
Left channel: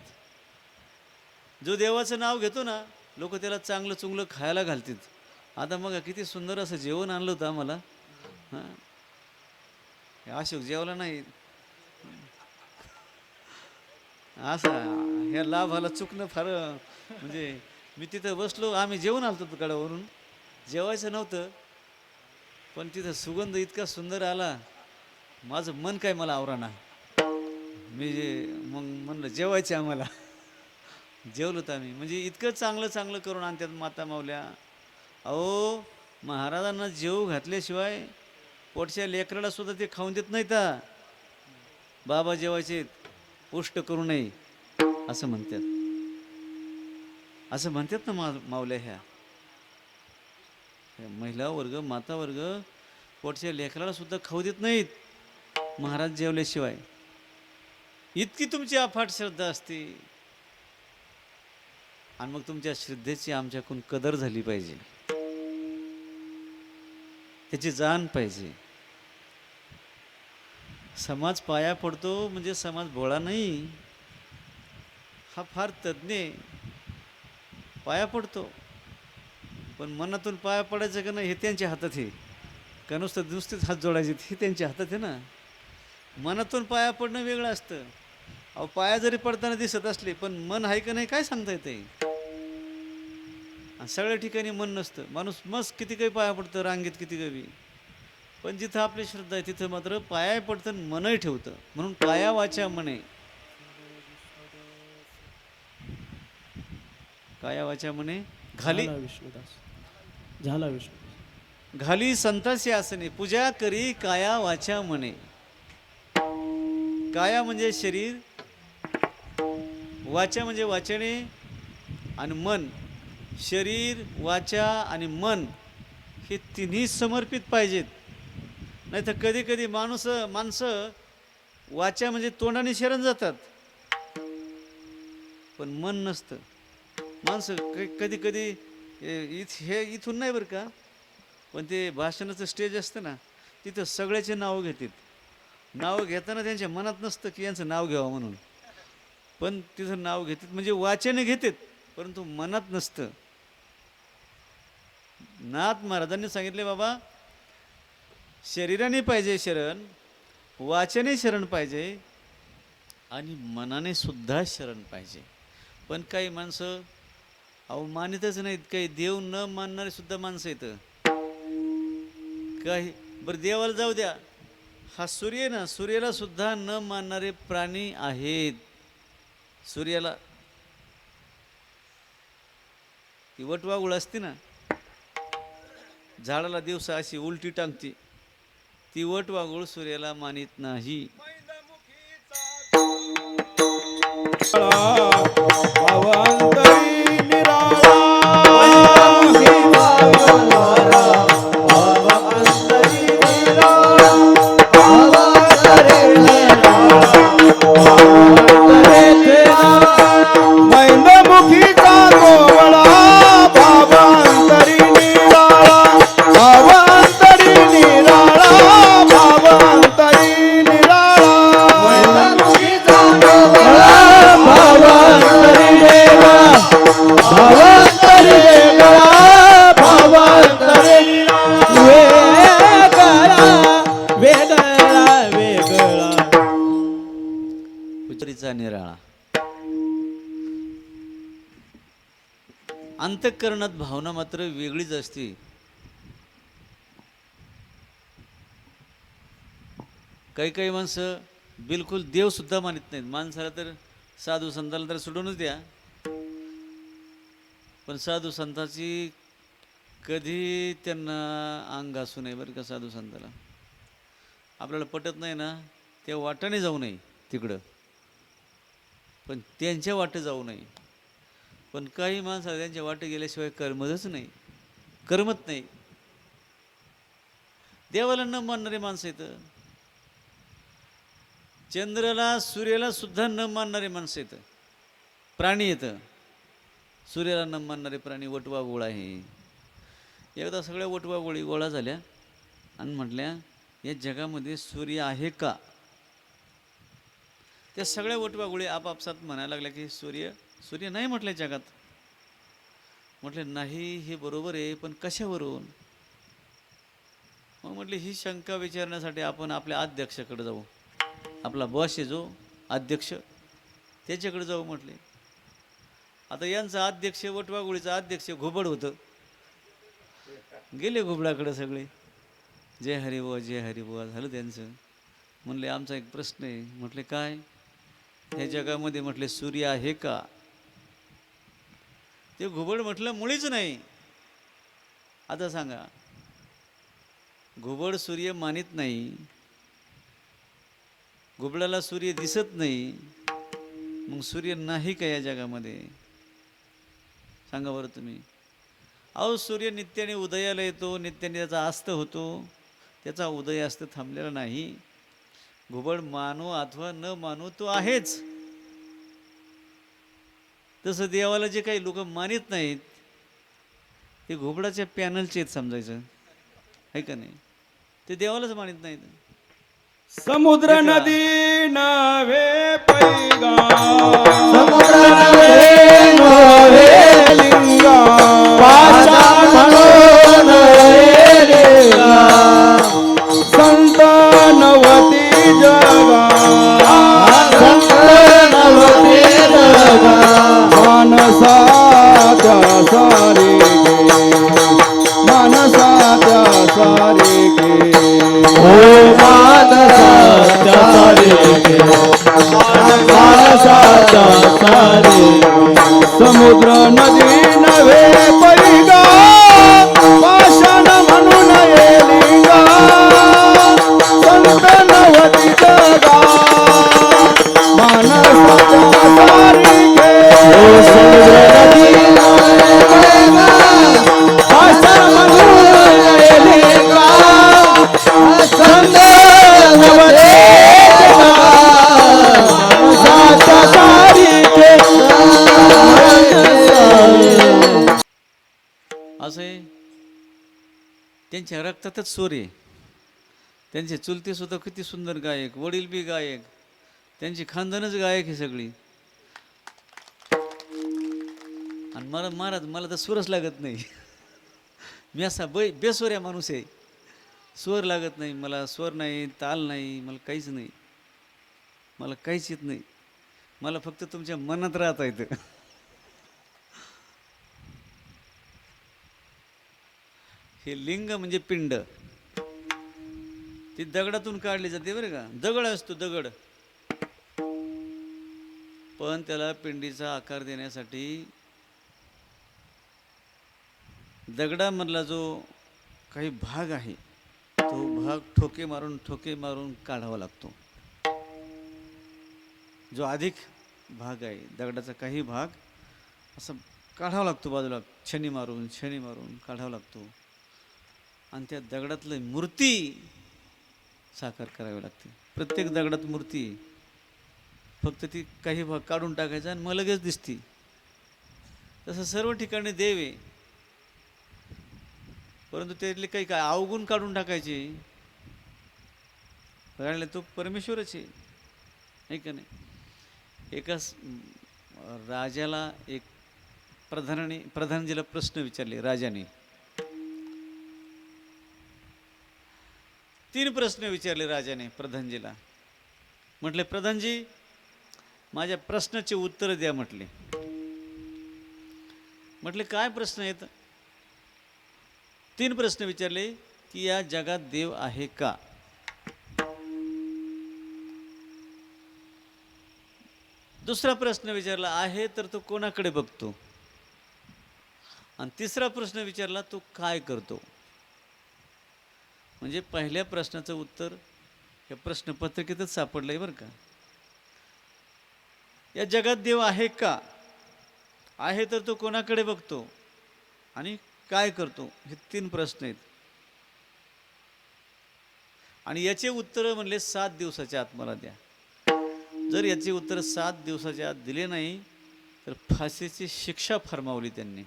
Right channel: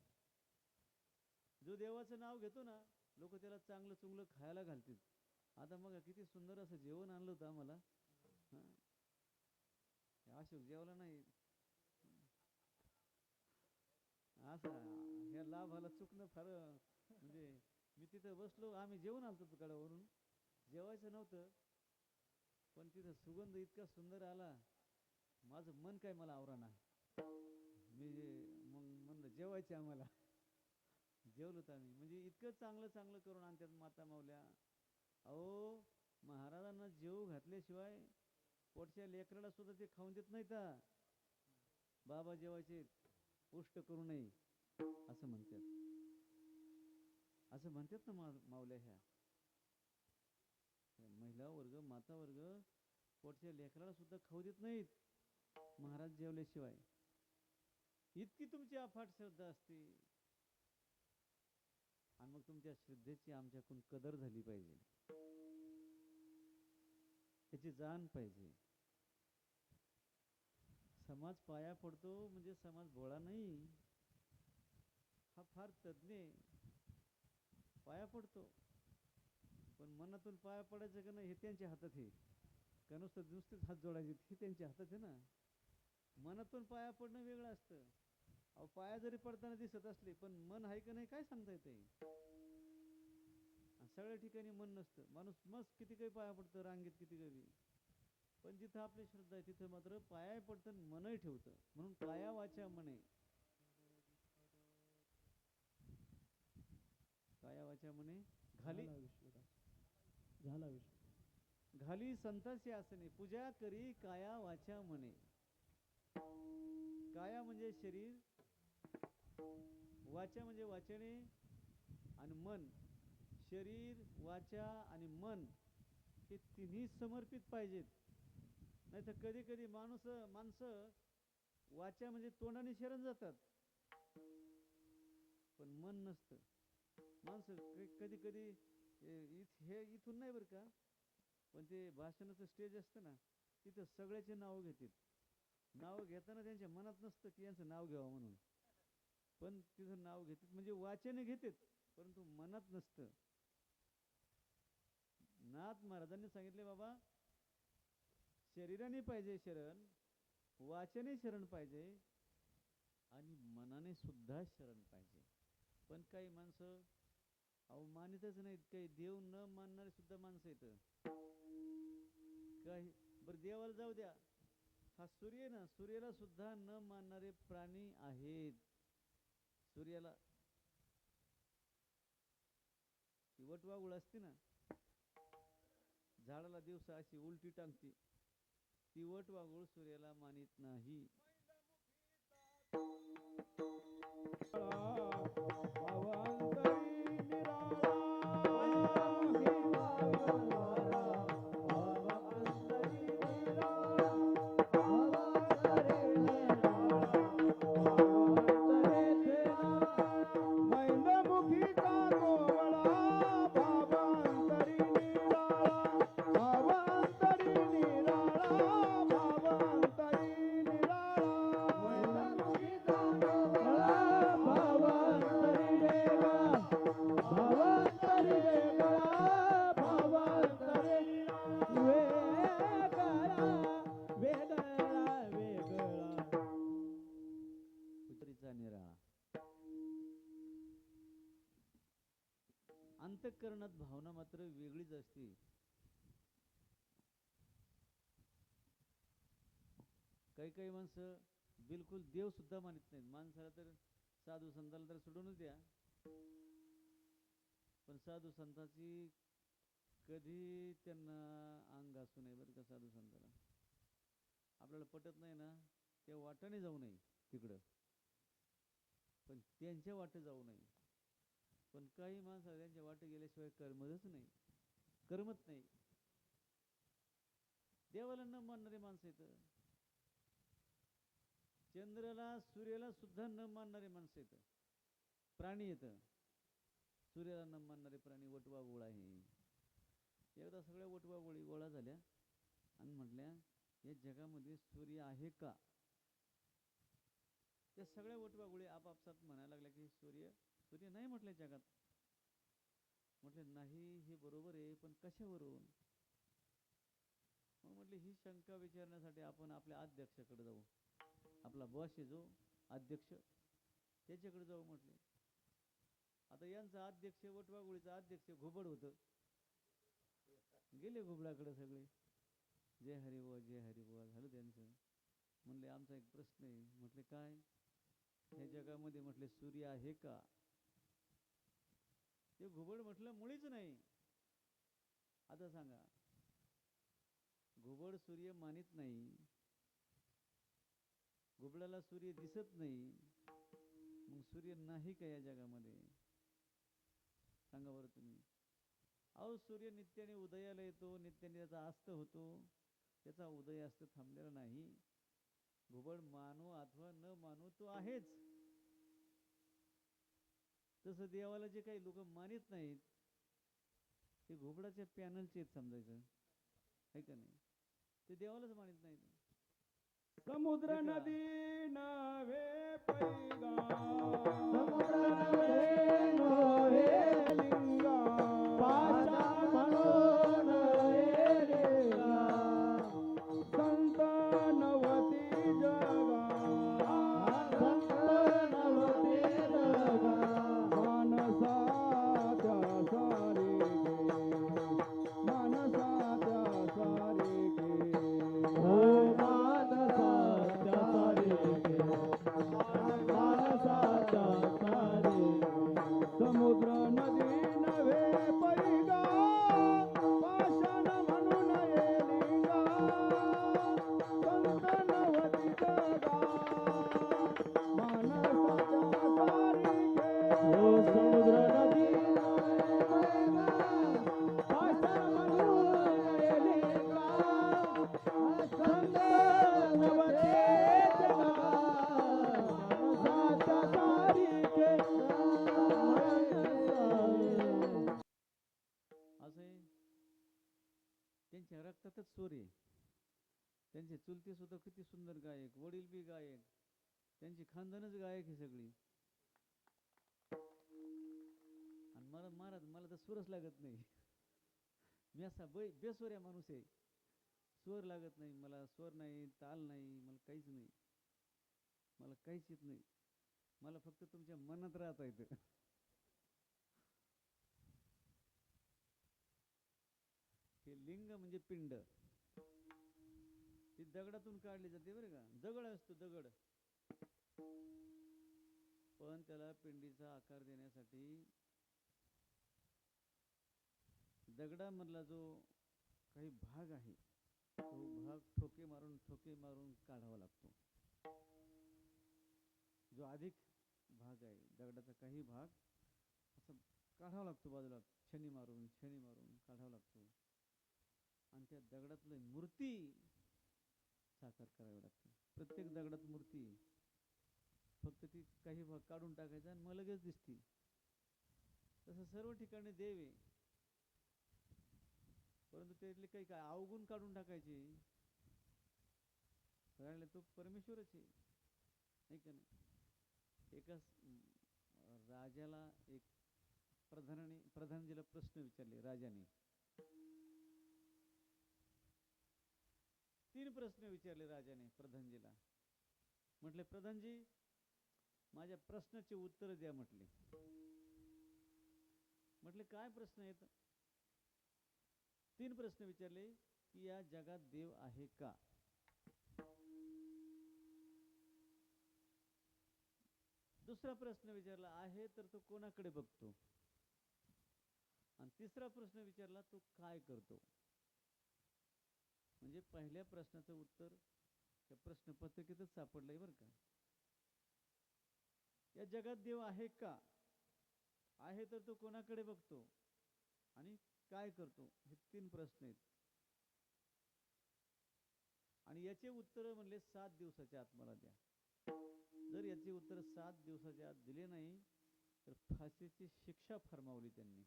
जो देवाचं नाव घेतो ना, लोक त्याला चांगलं चुंगलं खायला घालतात. आता मग किती सुंदर असं जेवण आणलं होतं आम्हाला. हां, अशोक जेवला नाही असं, ह्या लाभाला चुकणं फार, म्हणजे मी तिथं बसलो, आम्ही जेवण आलतो तुकड्यावरून, जेवायचं नव्हतं, पण तिथं सुगंध इतका सुंदर आला, माझं मन काय मला आवराना. मग म्हणलं जेवायचे आम्हाला. जेवलो तर आम्ही, म्हणजे इतकं चांगलं चांगलं करून आणतात माता माऊल्या. अहो, महाराजांना जेव घातल्याशिवाय पोटच्या लेकराला सुद्धा ते खाऊन देत नाहीत. बाबा जेवायचे, पुष्ट करू नये असं म्हणतात. असं म्हणतात ना माऊल्या. ह्या महिला वर्ग, माता वर्ग पोटच्या लेकराला सुद्धा खाऊ देत नाहीत महाराज जेवल्याशिवाय. इतकी तुमची अफाट श्रद्धा असते, आणि मग तुमच्या श्रद्धेची आमच्याकडून कदर झाली पाहिजे, त्याची जाण पाहिजे. समाज पाया पडतो म्हणजे समाज भोळा नाही, हा फार तज्ञ पाया पडतो. पण मनातून पाया पडायचं का नाही हे त्यांच्या हातात आहे, का नुसतेच हात जोडायचे हे त्यांच्या हातात आहे ना. मनातून पाया पडणं वेगळं असतं, अहो पाया जरी पडताना दिसत असले पण मन आहे का नाही काय सांगता येते. सगळ्या ठिकाणी मन नसतं. माणूस मस्त किती काही पाया पडतं रांगेत किती काही, पण जिथं आपली श्रद्धा आहे तिथं मात्र पाया पडतं मनही ठेवतं. म्हणून पाया वाचा मने, काया वाचा म्हणे घाली झाला विष्णू घाली संतासी आसने पूजा करी काया वाचा म्हणे. काया म्हणजे शरीर, वाचा म्हणजे वाचणे, आणि मन. शरीर वाचा आणि मन हे तिन्ही समर्पित पाहिजेत. नाही तर कधी कधी माणसं वाचा म्हणजे तोंडाने शरण जातात पण मन नसतं. माणसं कधी कधी हे इथून नाही बरं का, पण ते भाषणाचं स्टेज असतं ना तिथं सगळ्याचे नाव घेतात. नाव घेताना त्यांच्या मनात नसतं की यांचं नाव घ्यावं म्हणून, पण तिथं नाव घेतात म्हणजे वाचेने घेतात परंतु मनात नसतं. नाथ महाराजांनी सांगितले बाबा शरीराने पाहिजे शरण, वाचने शरण पाहिजे आणि मनाने सुद्धा शरण पाहिजे. पण काही माणसं अहो मानितच नाहीत. काही देव न मानणारे सुद्धा माणसं येतं. काही बरं देवाला जाऊ द्या, हा सूर्य ना, सूर्याला सुद्धा न मानणारे प्राणी आहेत. सूर्याला ती वटवागुळ असते ना, झाडाला दिवसा अशी उलटी टांगते, ती वटवागुळ सूर्याला मानित नाही. निराळा. अंतःकरणात भावना मात्र वेगळीच असते. काही काही माणसं बिलकुल देव सुद्धा मानित नाहीत. माणसाला तर साधू संताला तर सोडूनच द्या, पण साधू संताची कधी त्यांना अंग असू नये बरं का. साधू संताला आपल्याला पटत नाही ना त्या वाटाने जाऊ नये तिकडं, पण त्यांच्या वाटे जाऊ नये. पण काही माणसाला त्यांच्या वाटे गेल्याशिवाय करमतच नाही, करमत नाही. देवाला न मानणारे माणसं येतं, चंद्राला सूर्याला सुद्धा न मानणारे माणसं येतं, प्राणी येतं. सूर्याला न मानणारे प्राणी वटवा गोळा आहे. एकदा सगळ्या वटवा गोळी गोळा झाल्या आणि म्हटल्या या जगामध्ये सूर्य आहे का. त्या सगळ्या वटवा गोळी आपापसात म्हणायला लागल्या की सूर्य नाही म्हटलं जगात. म्हटले नाही हे बरोबर आहे, पण कशावरून. मग म्हटले ही शंका विचारण्यासाठी आपण आपल्या अध्यक्षाकडे जाऊ. आपला बॉस आहे जो अध्यक्ष त्याच्याकडे जाऊ म्हटले. आता यांचा अध्यक्ष वटवागुळीचा अध्यक्ष घुबड होतं. गेले घुबडाकडे सगळे, जय हरिबुवा जय हरिबुवा झालं त्यांचं. म्हणले आमचा एक प्रश्न आहे. म्हटले काय. ह्या जगामध्ये म्हटले सूर्य आहे का. ते घुबड म्हटलं मुळीच नाही. आता सांगा घुबड सूर्य मानित नाही, घुबडाला सूर्य दिसत नाही, मग सूर्य नाही का या जगामध्ये. सांगा बरं तुम्ही. अहो सूर्य नित्याने उदयाला येतो, नित्याने त्याचा अस्त होतो, त्याचा उदय अस्त थांबलेला नाही. घुबड मानो अथवा न मानो तो आहेच. तसं देवाला जे काही लोक मानित नाहीत ते घुबडाच्या पॅनलचे आहेत समजायचं आहे का नाही. ते देवालाच मानित नाहीत. समुद्र नदी नव्हे पैगा, समुद्र नव्हे नव्हे लिंगा, पाषाण म्हणून रेगा, संत नवती जगा, संत असं आहे, त्यांच्या रक्तातच स्वर आहे. त्यांचे चुलते सुद्धा किती सुंदर गायक, वडील बी गायक, त्यांची खानदानच गायक आहे सगळी. आणि मला महाराज मला तर सूरच लागत नाही. मी असा बेस्वऱ्या माणूस आहे, स्वर लागत नाही मला, स्वर नाही, ताल नाही, मला काहीच नाही, मला काहीच येत नाही. मला फक्त तुमच्या मनात राहता येतं. हे लिंग म्हणजे पिंड, ती दगडातून काढली जाते बरं का. दगड असतो दगड, पण त्याला पिंडीचा आकार देण्यासाठी दगडामधला जो काही भाग आहे तो भाग ठोके मारून काढावा लागतो. जो अधिक भाग आहे दगडाचा काही भाग असं काढावा लागतो बाजूला, छनी मारून काढावा लागतो. आणि त्या दगडातली मूर्ती साकार करावी लागते. प्रत्येक दगडात मूर्ती, फक्त ती काही भाग काढून टाकायचा आणि मग लगेच दिसती. तसं सर्व ठिकाणी देव आहे, परंतु त्यातले काही काय अवगुण काढून टाकायचे. कारण तो परमेश्वरच आहे का नाही. एका राजाला एक प्रधानजीला प्रश्न विचारले राजाने. 3 प्रश्न विचारले राजाने प्रधानजीला. म्हटले, प्रधानजी माझ्या प्रश्नाचे उत्तर द्या म्हटले. म्हटले काय प्रश्न आहेत. 3 प्रश्न विचारले की या जगात देव आहे का. दुसरा प्रश्न विचारला आहे तर तो कोणाकडे बघतो. आणि तिसरा प्रश्न विचारला तो काय करतो. म्हणजे पहिल्या प्रश्नाचं उत्तर या प्रश्नपत्रिकेतच सापडलंय बरं का. या जगात देव आहे का, आहे तर तो कोणाकडे बघतो आणि काय करतो. हे 3 प्रश्न आहेत. आणि याचे उत्तर म्हणले 7 दिवसाच्या आत मला द्या. जर याचे उत्तर 7 दिवसाच्या आत दिले नाही तर फाशीची शिक्षा फरमावली त्यांनी,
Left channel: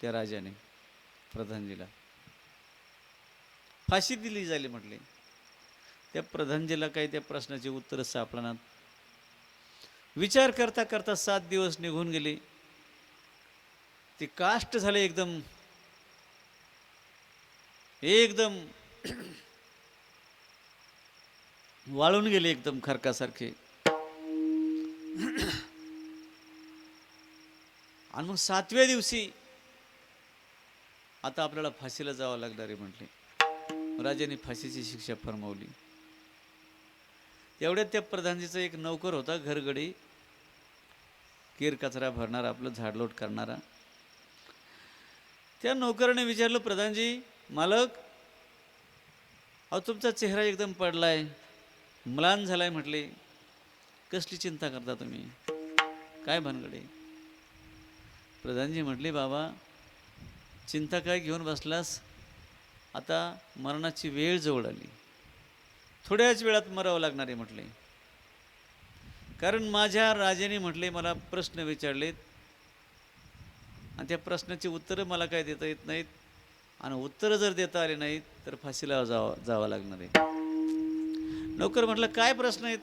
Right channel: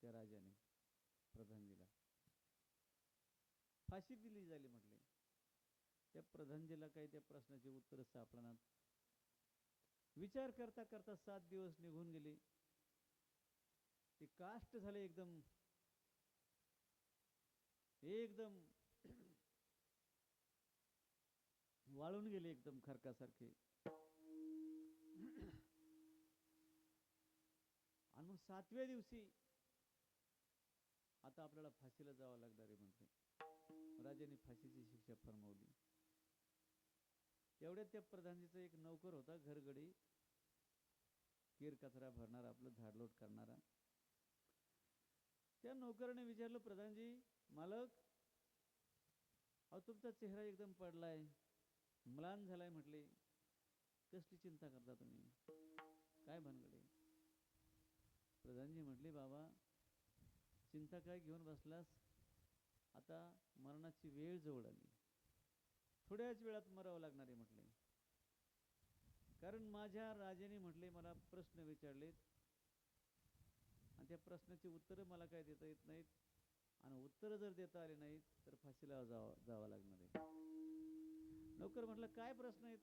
त्या राजाने प्रधानजीला फाशी दिली जाईल म्हटले. त्या प्रधानजीला काही त्या प्रश्नाचे उत्तर सापडणार. विचार करता करता 7 दिवस निघून गेले. ते काष्ट झाले एकदम वाळून गेले एकदम खरकासारखे. आणि मग 7व्या दिवशी आता आपल्याला फाशीला जावं लागणार आहे म्हटले. राजाने फाशीची शिक्षा फरमावली. एवढ्यात त्या प्रधानजीचा एक नौकर होता, घरगडी, केर कचरा भरणारा, आपलं झाडलोट करणारा. त्या नौकराने विचारलं, प्रधानजी मालक, अहो तुमचा चेहरा एकदम पडलाय, म्लान झालाय म्हटले, कसली चिंता करता तुम्ही, काय भानगडे. प्रधानजी म्हटले, बाबा चिंता काय घेऊन बसलास, आता मरणाची वेळ जवळ आली, थोड्याच वेळात मरावं लागणार आहे म्हटले. कारण माझ्या राजाने म्हटले मला प्रश्न विचारलेत आणि त्या प्रश्नाची उत्तरं मला काय देता येत नाहीत, आणि उत्तरं जर देता आले नाहीत तर फाशीला जावं लागणार आहे. नौकर म्हटलं काय प्रश्न आहेत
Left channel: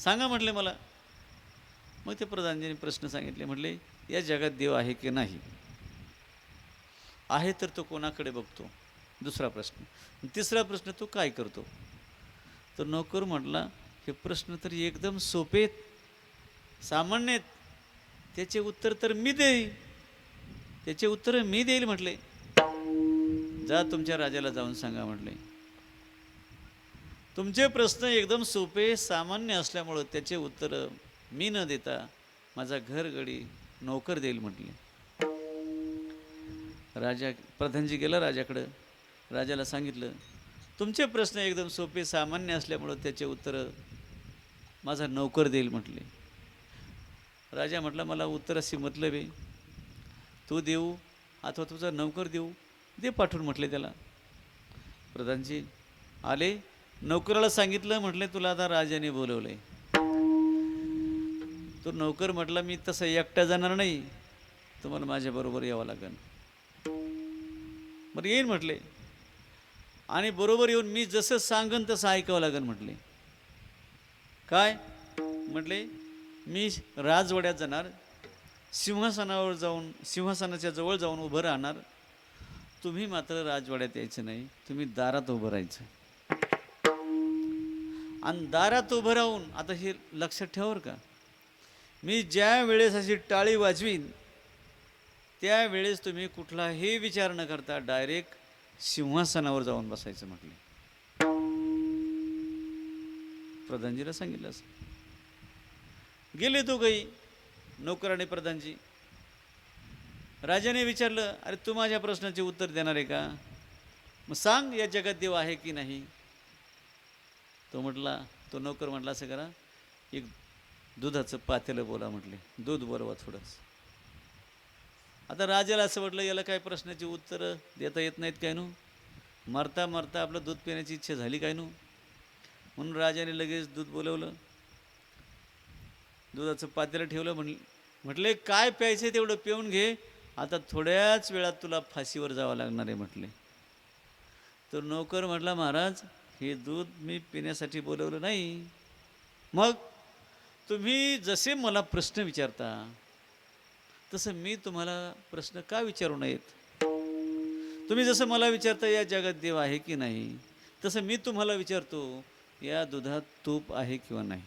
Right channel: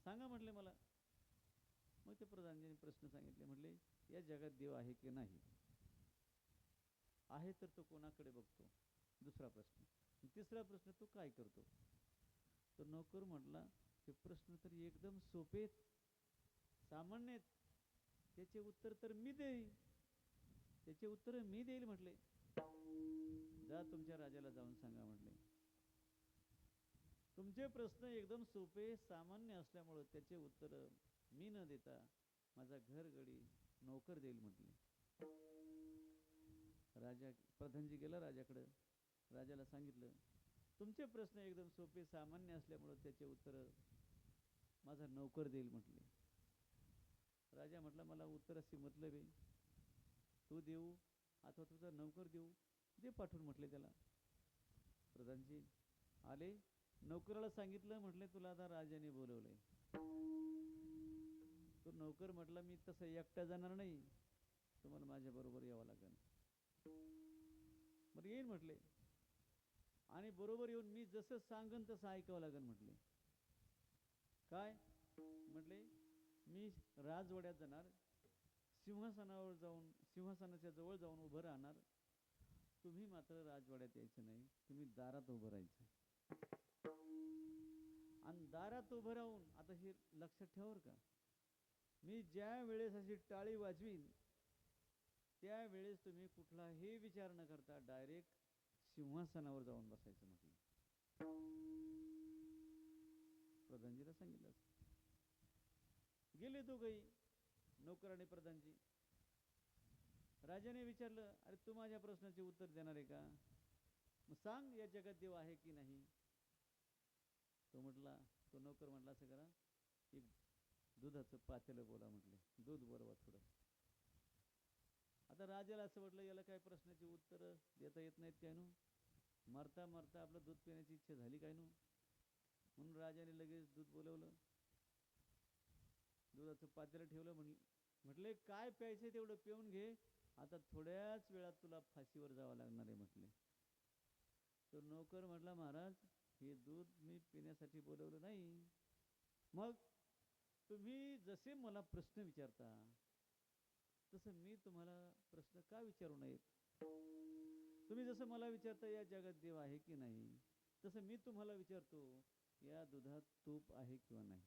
सांगा म्हटले मला. मग ते प्रधानजीने प्रश्न सांगितले. म्हटले या जगात देव आहे की नाही, आहे तर तो कोणाकडे बघतो, दुसरा प्रश्न. तिसरा प्रश्न तो काय करतो. तर नौकर म्हटला हे प्रश्न तर एकदम सोपे आहेत, सामान्य आहेत, त्याचे उत्तर तर मी देईल, त्याचे उत्तर मी देईल म्हटले. जा तुमच्या राजाला जाऊन सांगा म्हटले, तुमचे प्रश्न एकदम सोपे सामान्य असल्यामुळं त्याचे उत्तर मी न देता माझा घरगडी नौकर देईल म्हटले. राजा प्रधानजी गेला राजाकडं. राजाला सांगितलं तुमचे प्रश्न एकदम सोपे सामान्य असल्यामुळं त्याचे उत्तर माझा नौकर देईल म्हटले. राजा म्हटला मला उत्तराशी मतलब आहे, तू देऊ अथवा तुझा नौकर देऊ, दे पाठवून म्हटले त्याला. प्रधानजी आले, नौकराला सांगितलं म्हटले तुला आता राजाने बोलवलंय. तो नौकर म्हटला मी तसं एकटा जाणार नाही, तुम्हाला माझ्याबरोबर यावं लागेल. बरं येईन म्हटले, आणि बरोबर येऊन मी जसं सांगन तसं ऐकावं लागेल म्हटले. काय म्हटले, मी राजवाड्यात जाणार, सिंहासनावर जाऊन सिंहासनाच्या जवळ जाऊन उभं राहणार. तुम्ही मात्र राजवाड्यात यायचं नाही, तुम्ही दारात उभं राहायचं. आणि दारात उभं राहून, आता हे लक्षात ठेवा का, मी ज्या वेळेस अशी टाळी वाजवीन त्यावेळेस तुम्ही कुठलाही विचार न करता डायरेक्ट सिंहासनावर जाऊन बसायचं म्हटले. प्रधानजीला सांगितलं असं. गेले दोघंही, नोकर आणि प्रधानजी. राजाने विचारलं, अरे तू माझ्या प्रश्नाचे उत्तर देणार आहे का? मग सांग, या जगात देव आहे की नाही? तो नोकर म्हटला, असं करा, एक दुधाचं पातेलं बोला म्हटले, दूध बोलवा थोडंच. आता राजाला असं वाटलं, याला काय प्रश्नाची उत्तरं देता येत नाहीत काय नु, मरता मरता आपलं दूध पिण्याची इच्छा झाली काय नु. म्हणून राजाने लगेच दूध बोलवलं, दुधाचं पातेलं ठेवलं. म्हटले काय प्यायचं तेवढं पिऊन घे, आता थोड्याच वेळात तुला फाशीवर जावं लागणार आहे म्हटले. तर नोकर म्हटला, महाराज हे दूध मी पिण्यासाठी बोलवलं नाही. मग तुम्ही जसे मला प्रश्न विचारता तसं मी तुम्हाला प्रश्न का विचारू नयेत? तुम्ही जसं मला विचारता या जगात देव आहे की नाही, तसं मी तुम्हाला विचारतो, या दुधात तूप आहे किंवा नाही?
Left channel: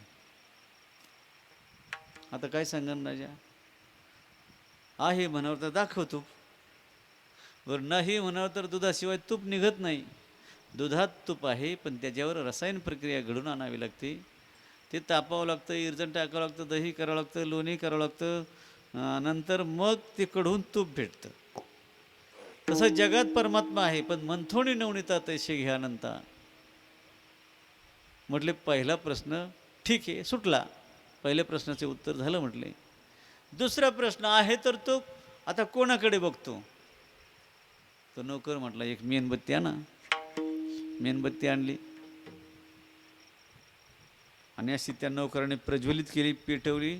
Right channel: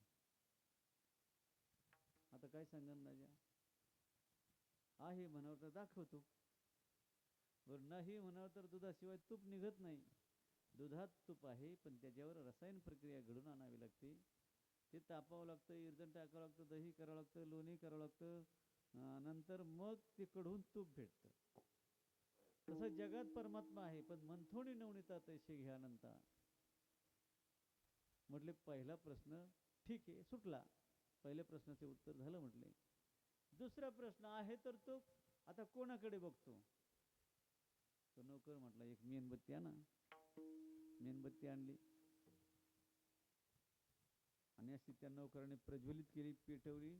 आता काय सांगन राजा? आहे म्हणावं तर दाखव तूप, बरं नाही म्हणावं तर दुधाशिवाय तूप निघत नाही. दुधात तूप आहे, पण त्याच्यावर रसायन प्रक्रिया घडून आणावी लागते. ते तापावं लागतं, इरजण टाकावं लागतं, दही करावं लागतं, लोणी करावं लागतं, नंतर मग ते कढून तूप भेटतं. तसं जगात परमात्मा आहे, पण मंथोणी नवनीता तैसे घ्यानंता. म्हटले पहिला प्रश्न ठीक आहे, सुटला. पहिल्या प्रश्नाचे उत्तर झालं म्हटले. दुसरा प्रश्न आहे तर तो आता कोणाकडे बघतो? तो नोकर म्हटला, एक मेणबत्ती आणा. मेणबत्ती आणली आणि अशी त्या नोकराने प्रज्वलित केली, पेटवली.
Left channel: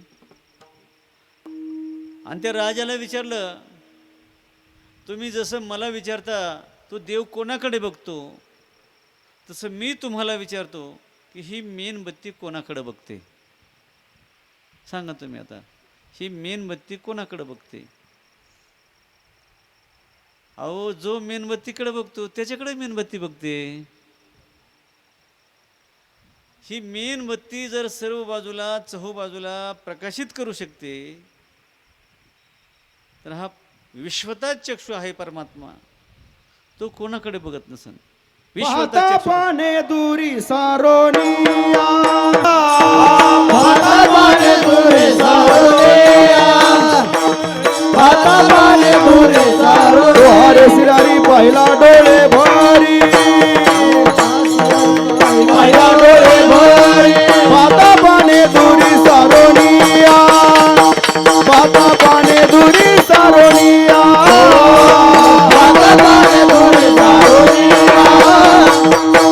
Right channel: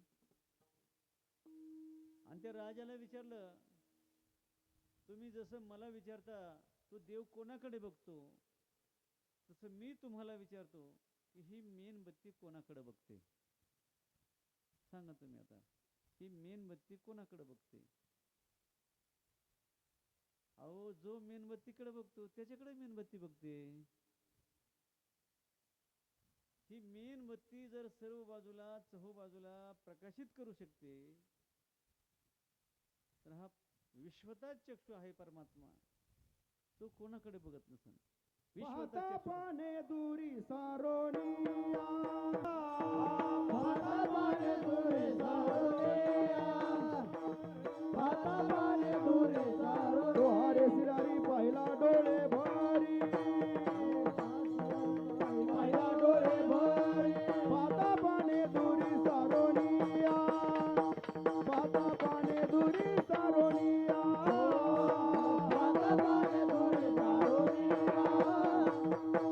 आणि त्या राजाला विचारलं, तुम्ही जसं मला विचारता तो देव कोणाकडे बघतो, तसं मी तुम्हाला विचारतो की ही मेणबत्ती कोणाकडे बघते? सांगा तुम्ही आता, ही मेणबत्ती कोणाकडे बघते? अहो, जो मेणबत्तीकडे बघतो त्याच्याकडे मेणबत्ती बघते. ही मेणबत्ती जर सर्व बाजूला चहूबाजूला प्रकाशित करू शकते, तर हा विश्वता चक्षु आहे परमात्मा, तो कोणाकडे बघत नसन? पाहता पाने दुरी सारोनिया, पाहता पाने दुरी सारोनिया, पाहता पाने दुरी सारोनिया. हरे सिरारी पहिला डोळे भारी, पहिला डोळे भरी. पाहता पाने दुरी सारोनिया, पाहता पाने दुरी सारोनिया, पाहता पाने दुरी सारोनिया,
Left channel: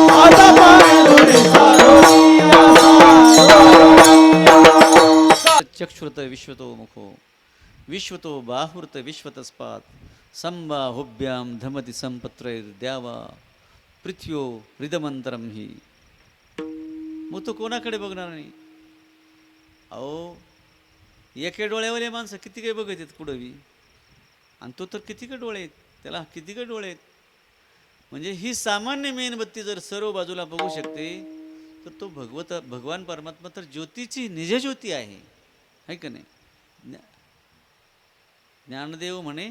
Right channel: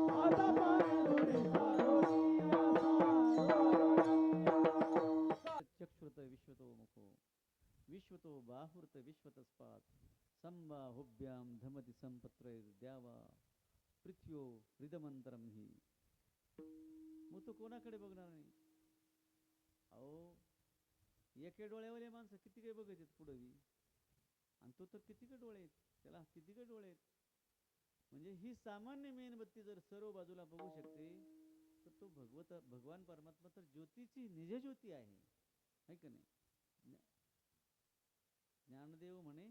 पाहता पाने दुरी सारोनिया. चक्षुरत विश्वतो मुखो विश्वतो बाहुरत विश्वतस्पात संबाहुभ्याम धमति संपत्रैर्द्यावा पृथ्व्यो हृदमंतरम ही. मग तो कोणाकडे बघणार नाही? अहो, एके डोळ्यावाले माणसं किती काही बघत आहेत कुठंही, आणि तो तर किती काही डोळे आहेत, त्याला किती काही डोळे आहेत. म्हणजे ही सामान्य मेणबत्ती जर सर्व बाजूला बघू शकते, तर तो भगवान परमात्मा तर ज्योतीची निजज्योती आहे का नाही? ज्ञानदेव म्हणे,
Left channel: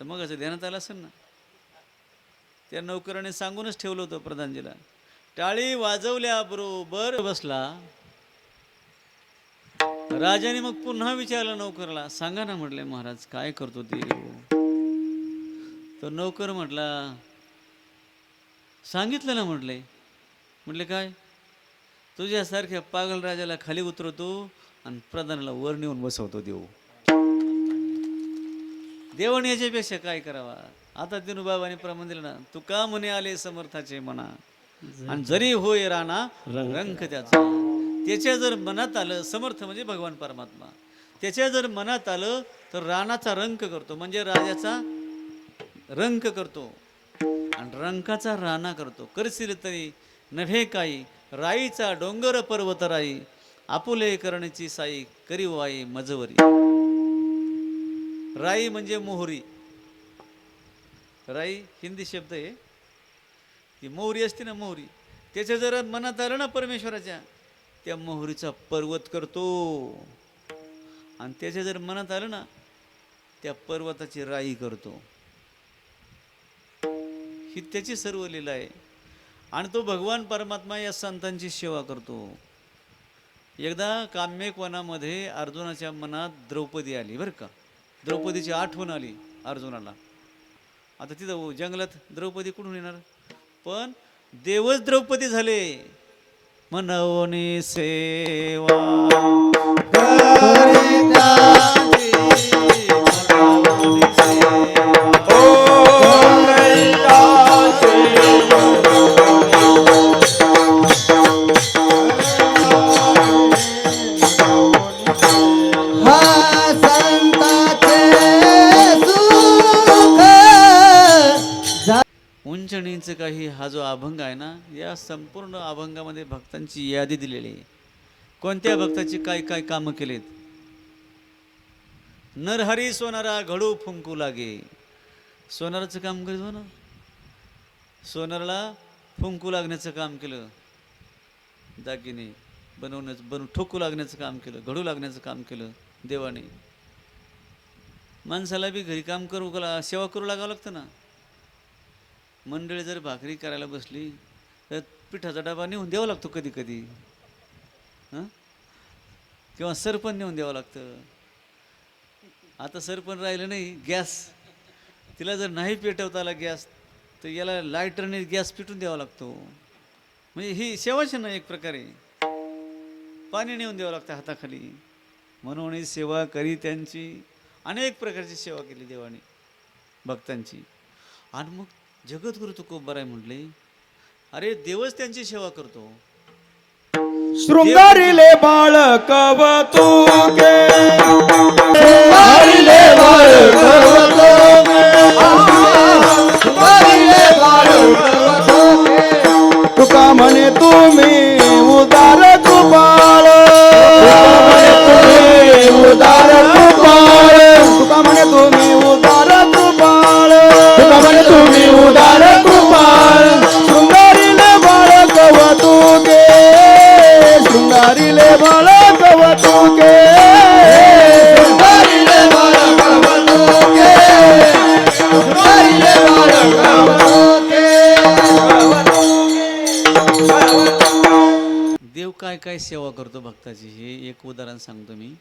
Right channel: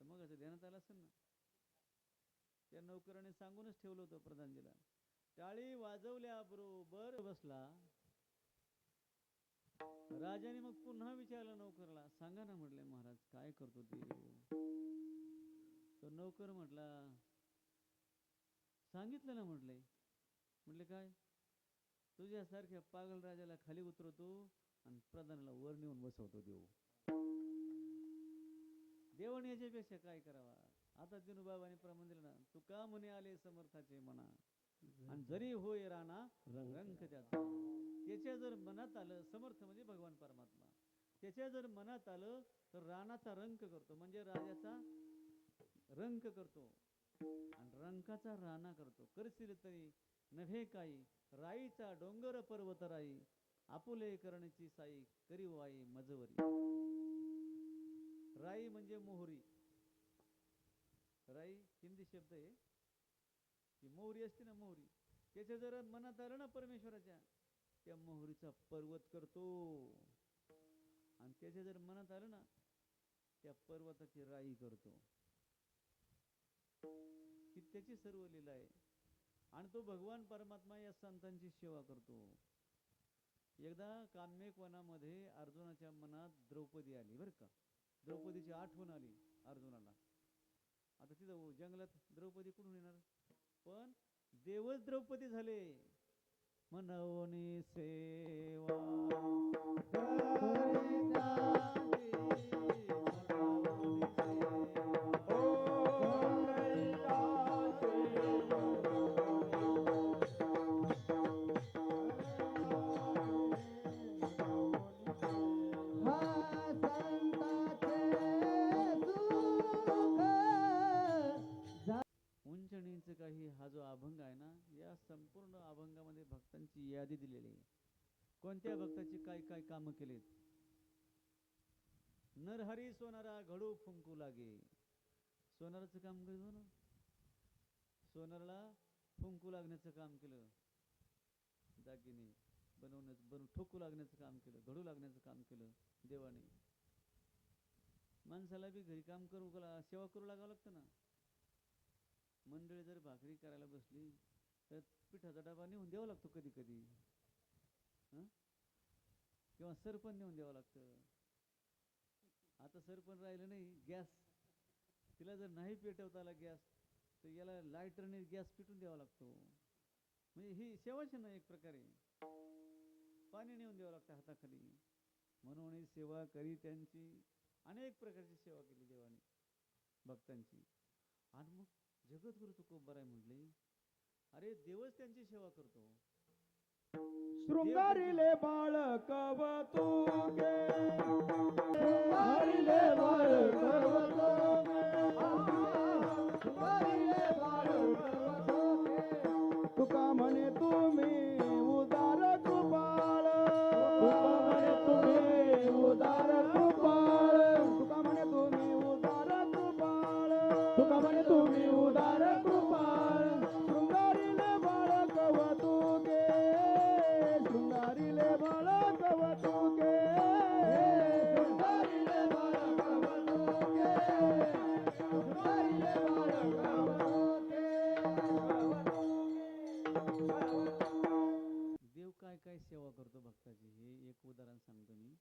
तर मग असं ध्यानात आलं असेल ना, त्या नोकराने सांगूनच ठेवलं होतं प्रधानजीला. टाळी वाजवल्याबरोबर बसला. राजाने मग पुन्हा विचारलं नोकरला, सांगा ना म्हटले, महाराज काय करतो ते? तर नोकर म्हटला, सांगितलं ना म्हटले. म्हटले काय? तुझ्यासारख्या पागल राजाला खाली उतरवतो आणि प्रधानाला वर नेऊन बसवतो देव. देवाने याच्यापेक्षा काय करावा? आता दिनूबाबाने प्रमाण दिलं ना, तू का म्हणे आले समर्थाचे म्हणा, आणि जरी होय राणा रंग त्याचा. त्याच्या जर मनात आलं, समर्थ म्हणजे भगवान परमात्मा, त्याच्या जर मनात आलं तर रानाचा रंक करतो, म्हणजे राजाचा रंक करतो आणि रंकाचा राणा करतो. करशील तरी नव्हे काही, राईचा डोंगर पर्वत राई, आपुले करण्याची साई, करी वाई मजवरी. राई म्हणजे मोहरी. राई हिंदी शब्द आहे. ती मोहरी असते ना, मोहरी. त्याच्या जर मनात आलं ना परमेश्वराच्या, त्या मोहरीचा पर्वत करतो. आणि त्याच्या जर मनात आलं ना, त्या पर्वताची राई करतो. ही त्याची सर्व लीला आहे. आणि तो भगवान परमात्मा या संतांची सेवा करतो. एकदा काम्यक वनामध्ये अर्जुनाच्या मनात द्रौपदी आली बरं का. द्रौपदीची आठवण आली अर्जुनाला. आता तिथं जंगलात द्रौपदी कुठून येणार, पण देवच द्रौपदी झाले. मनवनी सेवा करित्याची, मनवनी सेवा. हा संताचे सुख उंच नीच काही हा जो अभंग आहे ना, या संपूर्ण अभंगामध्ये भक्तांची यादी दिलेली आहे. कोणत्या भक्ताची काय काय कामं केलेत. नरहरी सोनारा घडू फुंकू लागे. सोनाराचं काम करतो ना, सोनाराला फुंकू लागण्याचं काम केलं. दागिने बनवून ठोकू लागण्याचं काम केलं, घडू लागण्याचं काम केलं देवाने. माणसाला बी घरी काम करू, सेवा करू लागावं लागतं ना. मंडळी जर भाकरी करायला बसली तर पिठाचा डबा नेऊन द्यावा लागतो कधी कधी, हां, किंवा सरपण नेऊन द्यावं लागतं. आता सरपण राहिलं नाही, गॅस. तिला जर नाही पेटवता आला गॅस, तर याला लायटरने गॅस पेटून द्यावा लागतो. म्हणजे ही सेवाच ना एक प्रकारे. पाणी नेऊन द्यावं लागतं हाताखाली. म्हणून ही सेवा करी त्यांची. अनेक प्रकारची सेवा केली देवाने भक्तांची. आणि मग जगद्गुरु तुकोबाराय म्हटले, अरे देवच त्यांची सेवा करतो. शृंगारिले बाळ कवतुके, हरिले बाळ कवतुके, हरिले बाळ कवतुके. तुका म्हणे तुम्ही उदार कृपाळ, उदार कृपाळ, तुका म्हणे तुम्ही उदार कृपाळ, तुका म्हणे तुम्ही उदार कृपाळ. शृंगारिले बाळ कवतुके, शृंगारिले बाळ कवतुके. हरिले बाळ कवतुके, हरिले बाळ कवतुके. देव काय काय सेवा करतो भक्ताची, हे एक उदाहरण सांगतो मी.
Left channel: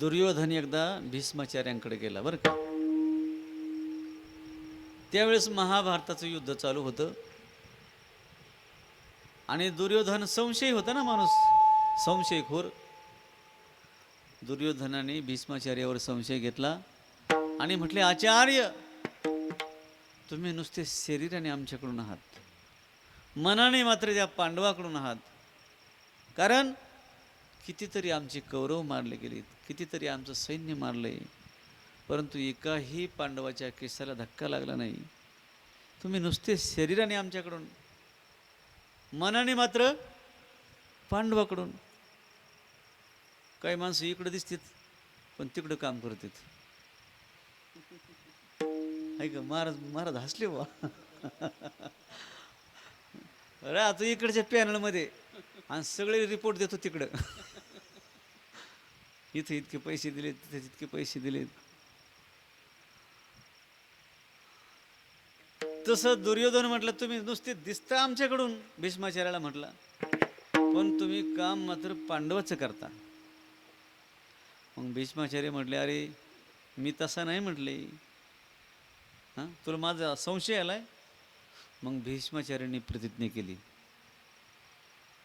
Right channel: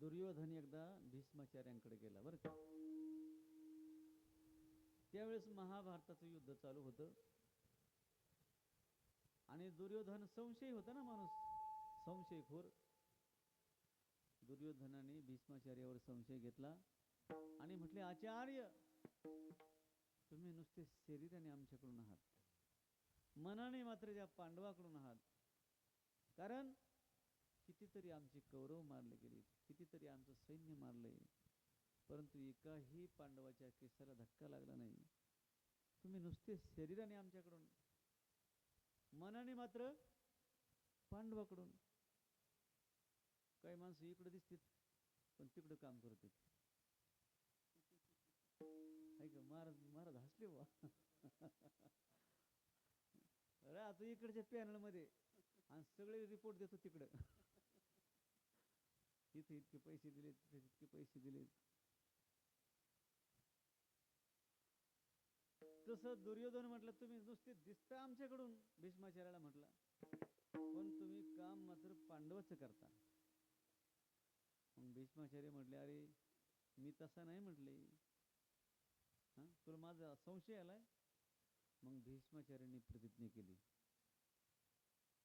दुर्योधन एकदा भीष्माचार्यांकडे गेला बरं का. त्यावेळेस महाभारताचं युद्ध चालू होतं. आणि दुर्योधन संशयी होता ना माणूस, संशयखोर. दुर्योधनाने भीष्माचार्यावर संशय घेतला आणि म्हटले, आचार्य तुम्ही नुसते शरीराने आमच्याकडून आहात, मनाने मात्र त्या पांडवाकडून आहात. कारण कितीतरी आमचे कौरव मारले गेलेत, कितीतरी आमचं सैन्य मारलंय, परंतु एकाही पांडवाच्या केसाला धक्का लागला नाही. तुम्ही नुसते शरीराने आमच्याकडून, मनाने मात्र पांडवाकडून. काही माणसं इकडं दिसतात पण तिकडं काम करतात. ऐक महाराज, महाराज हसले बा. अरे आता इकडच्या पॅनलमध्ये आणि सगळे रिपोर्ट देतो तिकडं. इथे इतके पैसे दिलेत, तिथे इतके पैसे दिलेत. तसं दुर्योधन म्हटलं, तुम्ही नुसते दिसता आमच्याकडून, भीष्माचार्याला म्हटला, पण तुम्ही काम मात्र पांडवाचं करता. मग भीष्माचार्य म्हटले, अरे मी तसा नाही म्हटले, हां तुला माझा संशय आलाय. मग भीष्माचार्यांनी प्रतिज्ञा केली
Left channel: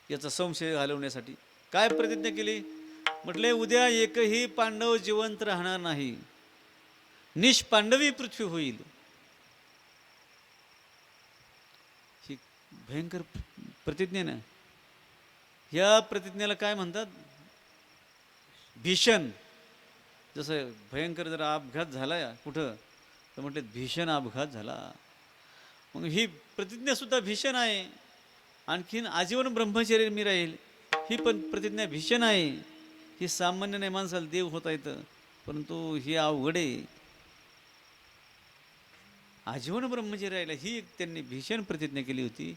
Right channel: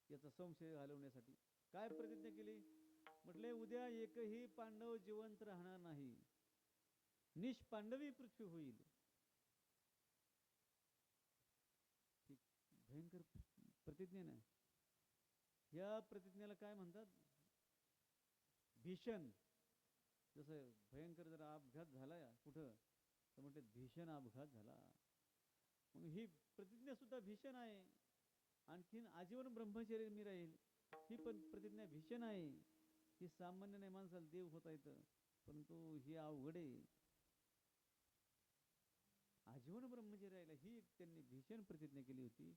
याचा संशय घालवण्यासाठी. काय प्रतिज्ञा केली म्हटले, उद्या एकही पांडव जिवंत राहणार नाही, निष्पांडवी पृथ्वी होईल. ही भयंकर प्रतिज्ञा ना. ह्या प्रतिज्ञेला काय म्हणतात, भीषण. जसं भयंकर जर अपघात झाला कुठं, तर म्हटले भीषण अपघात झाला. मग ही प्रतिज्ञासुद्धा भीषण आहे. आणखीन आजीवन ब्रह्मचर्य मी राहील, ही पण प्रतिज्ञा भीषण आहे. ही सामान्य नाही, माणसाला देव होता येतं, परंतु ही अवघड आहे. आजीवन ब्रह्मचर्य राहिलं ही एक त्यांनी भीषण प्रतिज्ञा केली होती.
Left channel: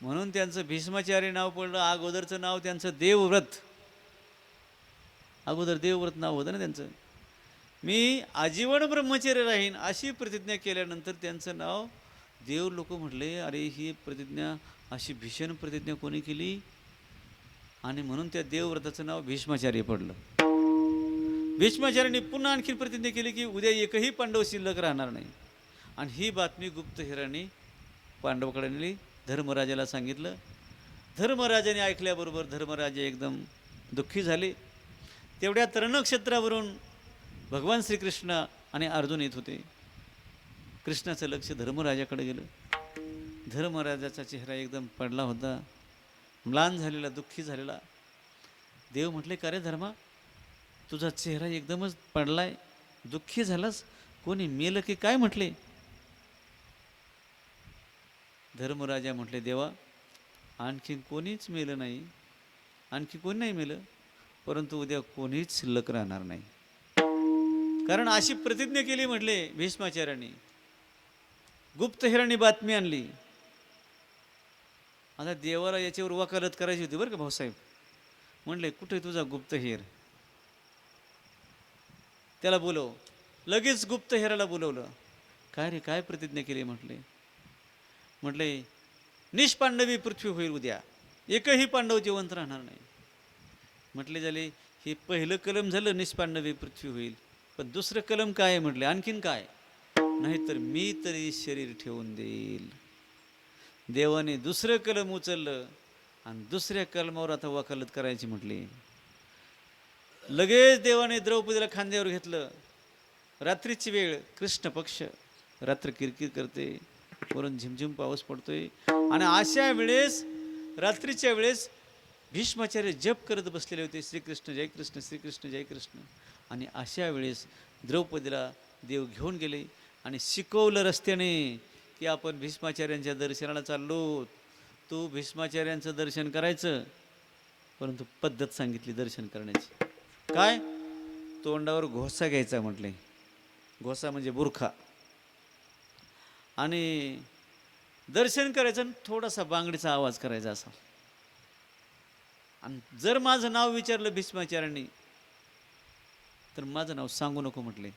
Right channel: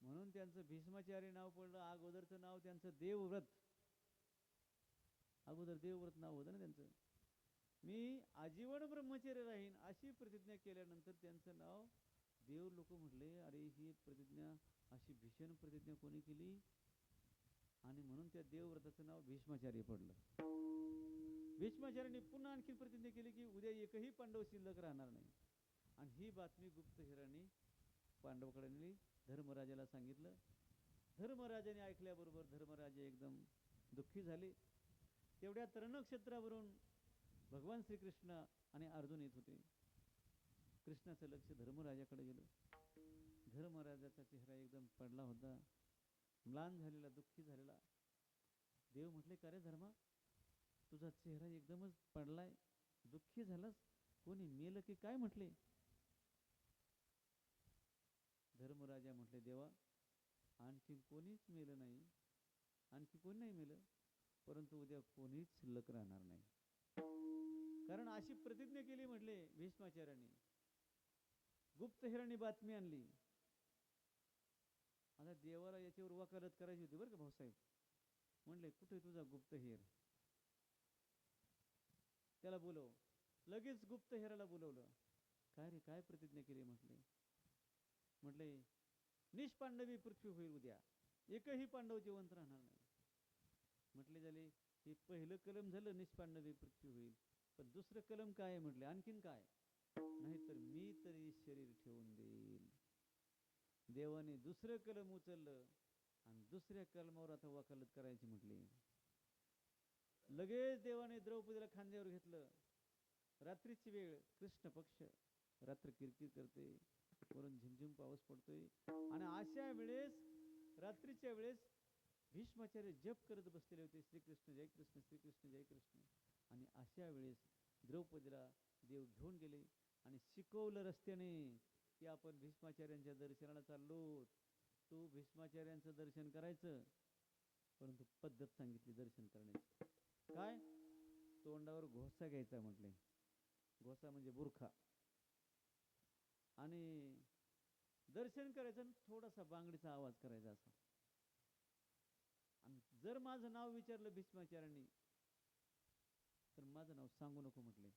म्हणून त्यांचं भीष्माचार्य नाव पडलं. अगोदरचं नाव त्यांचं देवव्रत, अगोदर देवव्रत नाव होतं ना त्यांचं. मी आजीवन ब्रह्मचर्य राहीन अशी प्रतिज्ञा केल्यानंतर त्यांचं नाव देव. लोक म्हटले अरे ही प्रतिज्ञा, अशी भीषण प्रतिज्ञा कोणी केली, आणि म्हणून त्या देवव्रताचं नाव भीष्माचार्य पडलं. भीष्माचार्यांनी पुन्हा आणखी प्रतिज्ञा केली की उद्या एकही पांडव शिल्लक राहणार नाही. आणि ही बातमी गुप्तहेराने पांडवाकडे नेली, धर्मराजाला सांगितलं. धर्मराजाने ऐकल्याबरोबर धर्मराजे एकदम दुःखी झाले. तेवढ्या तरणक्षेत्रावरून भगवान श्रीकृष्ण आणि अर्जुन येत होते. कृष्णाचं लक्ष धर्मराजाकडे गेलं. धर्मराजाचा चेहरा एकदम पडला होता, म्लान झालेला, दुःखी झालेला. देव म्हटले का रे धर्मा, तुझा चेहरा एकदमच पडलाय, दुःखी झालास, कोणी मेलं की काय म्हटले. धर्मराजा म्हटले देवा, आणखी कोणीच मेलं नाही, आणखी कोणी नाही मेलं, परंतु उद्या कोणीच शिल्लक राहणार नाही. कारण अशी प्रतिज्ञा केली म्हटले भीष्माचार्यांनी. गुप्तहेरांनी बातमी आणली. आता देवाला याच्यावर वकालत करायची होती बरं का भाऊसाहेब. म्हणले कुठे तुझा गुप्तहेर, त्याला बोलव. लगेच गुप्तहेराला बोलवलं. काय रे, काय प्रतिज्ञा केली म्हटले. म्हटले निष्पांडवी पृथ्वी होईल उद्या, एकही पांडव जिवंत राहणार नाही. म्हटले झाले हे पहिलं कलम झालं, निष्पांडवी पृथ्वी होईल, पण दुसरं कलम काय आहे म्हटले, आणखीन काय, नाहीतर मी तरी शरीर ठेवून देईल. देवाने दुसरं कलम उचललं आणि दुसऱ्या कलमावर आता वकालत करायची म्हटली. लगेच देवाने द्रौपदीला खांद्यावर घेतलं. रात्रीची वेळ, कृष्ण पक्ष, रात्र किरकिर करते, वरून झिमझिम पाऊस पडतोय. आणि अशा वेळेस, रात्रीच्या वेळेस भीष्माचार्य जप करत बसलेले होते, श्रीकृष्ण जय कृष्ण, श्रीकृष्ण जय कृष्ण. आणि अशा वेळेस द्रौपदीला देव घेऊन गेले आणि शिकवलं रस्त्याने की आपण भीष्माचार्यांच्या दर्शनाला चाललो. तू भीष्माचार्यांचं दर्शन करायचं, परंतु पद्धत सांगितली दर्शन करण्याची. काय, तोंडावर घोसा घ्यायचा म्हटले. घोसा म्हणजे बुरखा. आणि दर्शन करायचं, थोडासा बांगडीचा आवाज करायचा असा. आणि जर माझं नाव विचारलं भीष्माचार्यांनी तर माझं नाव सांगू नको म्हटले.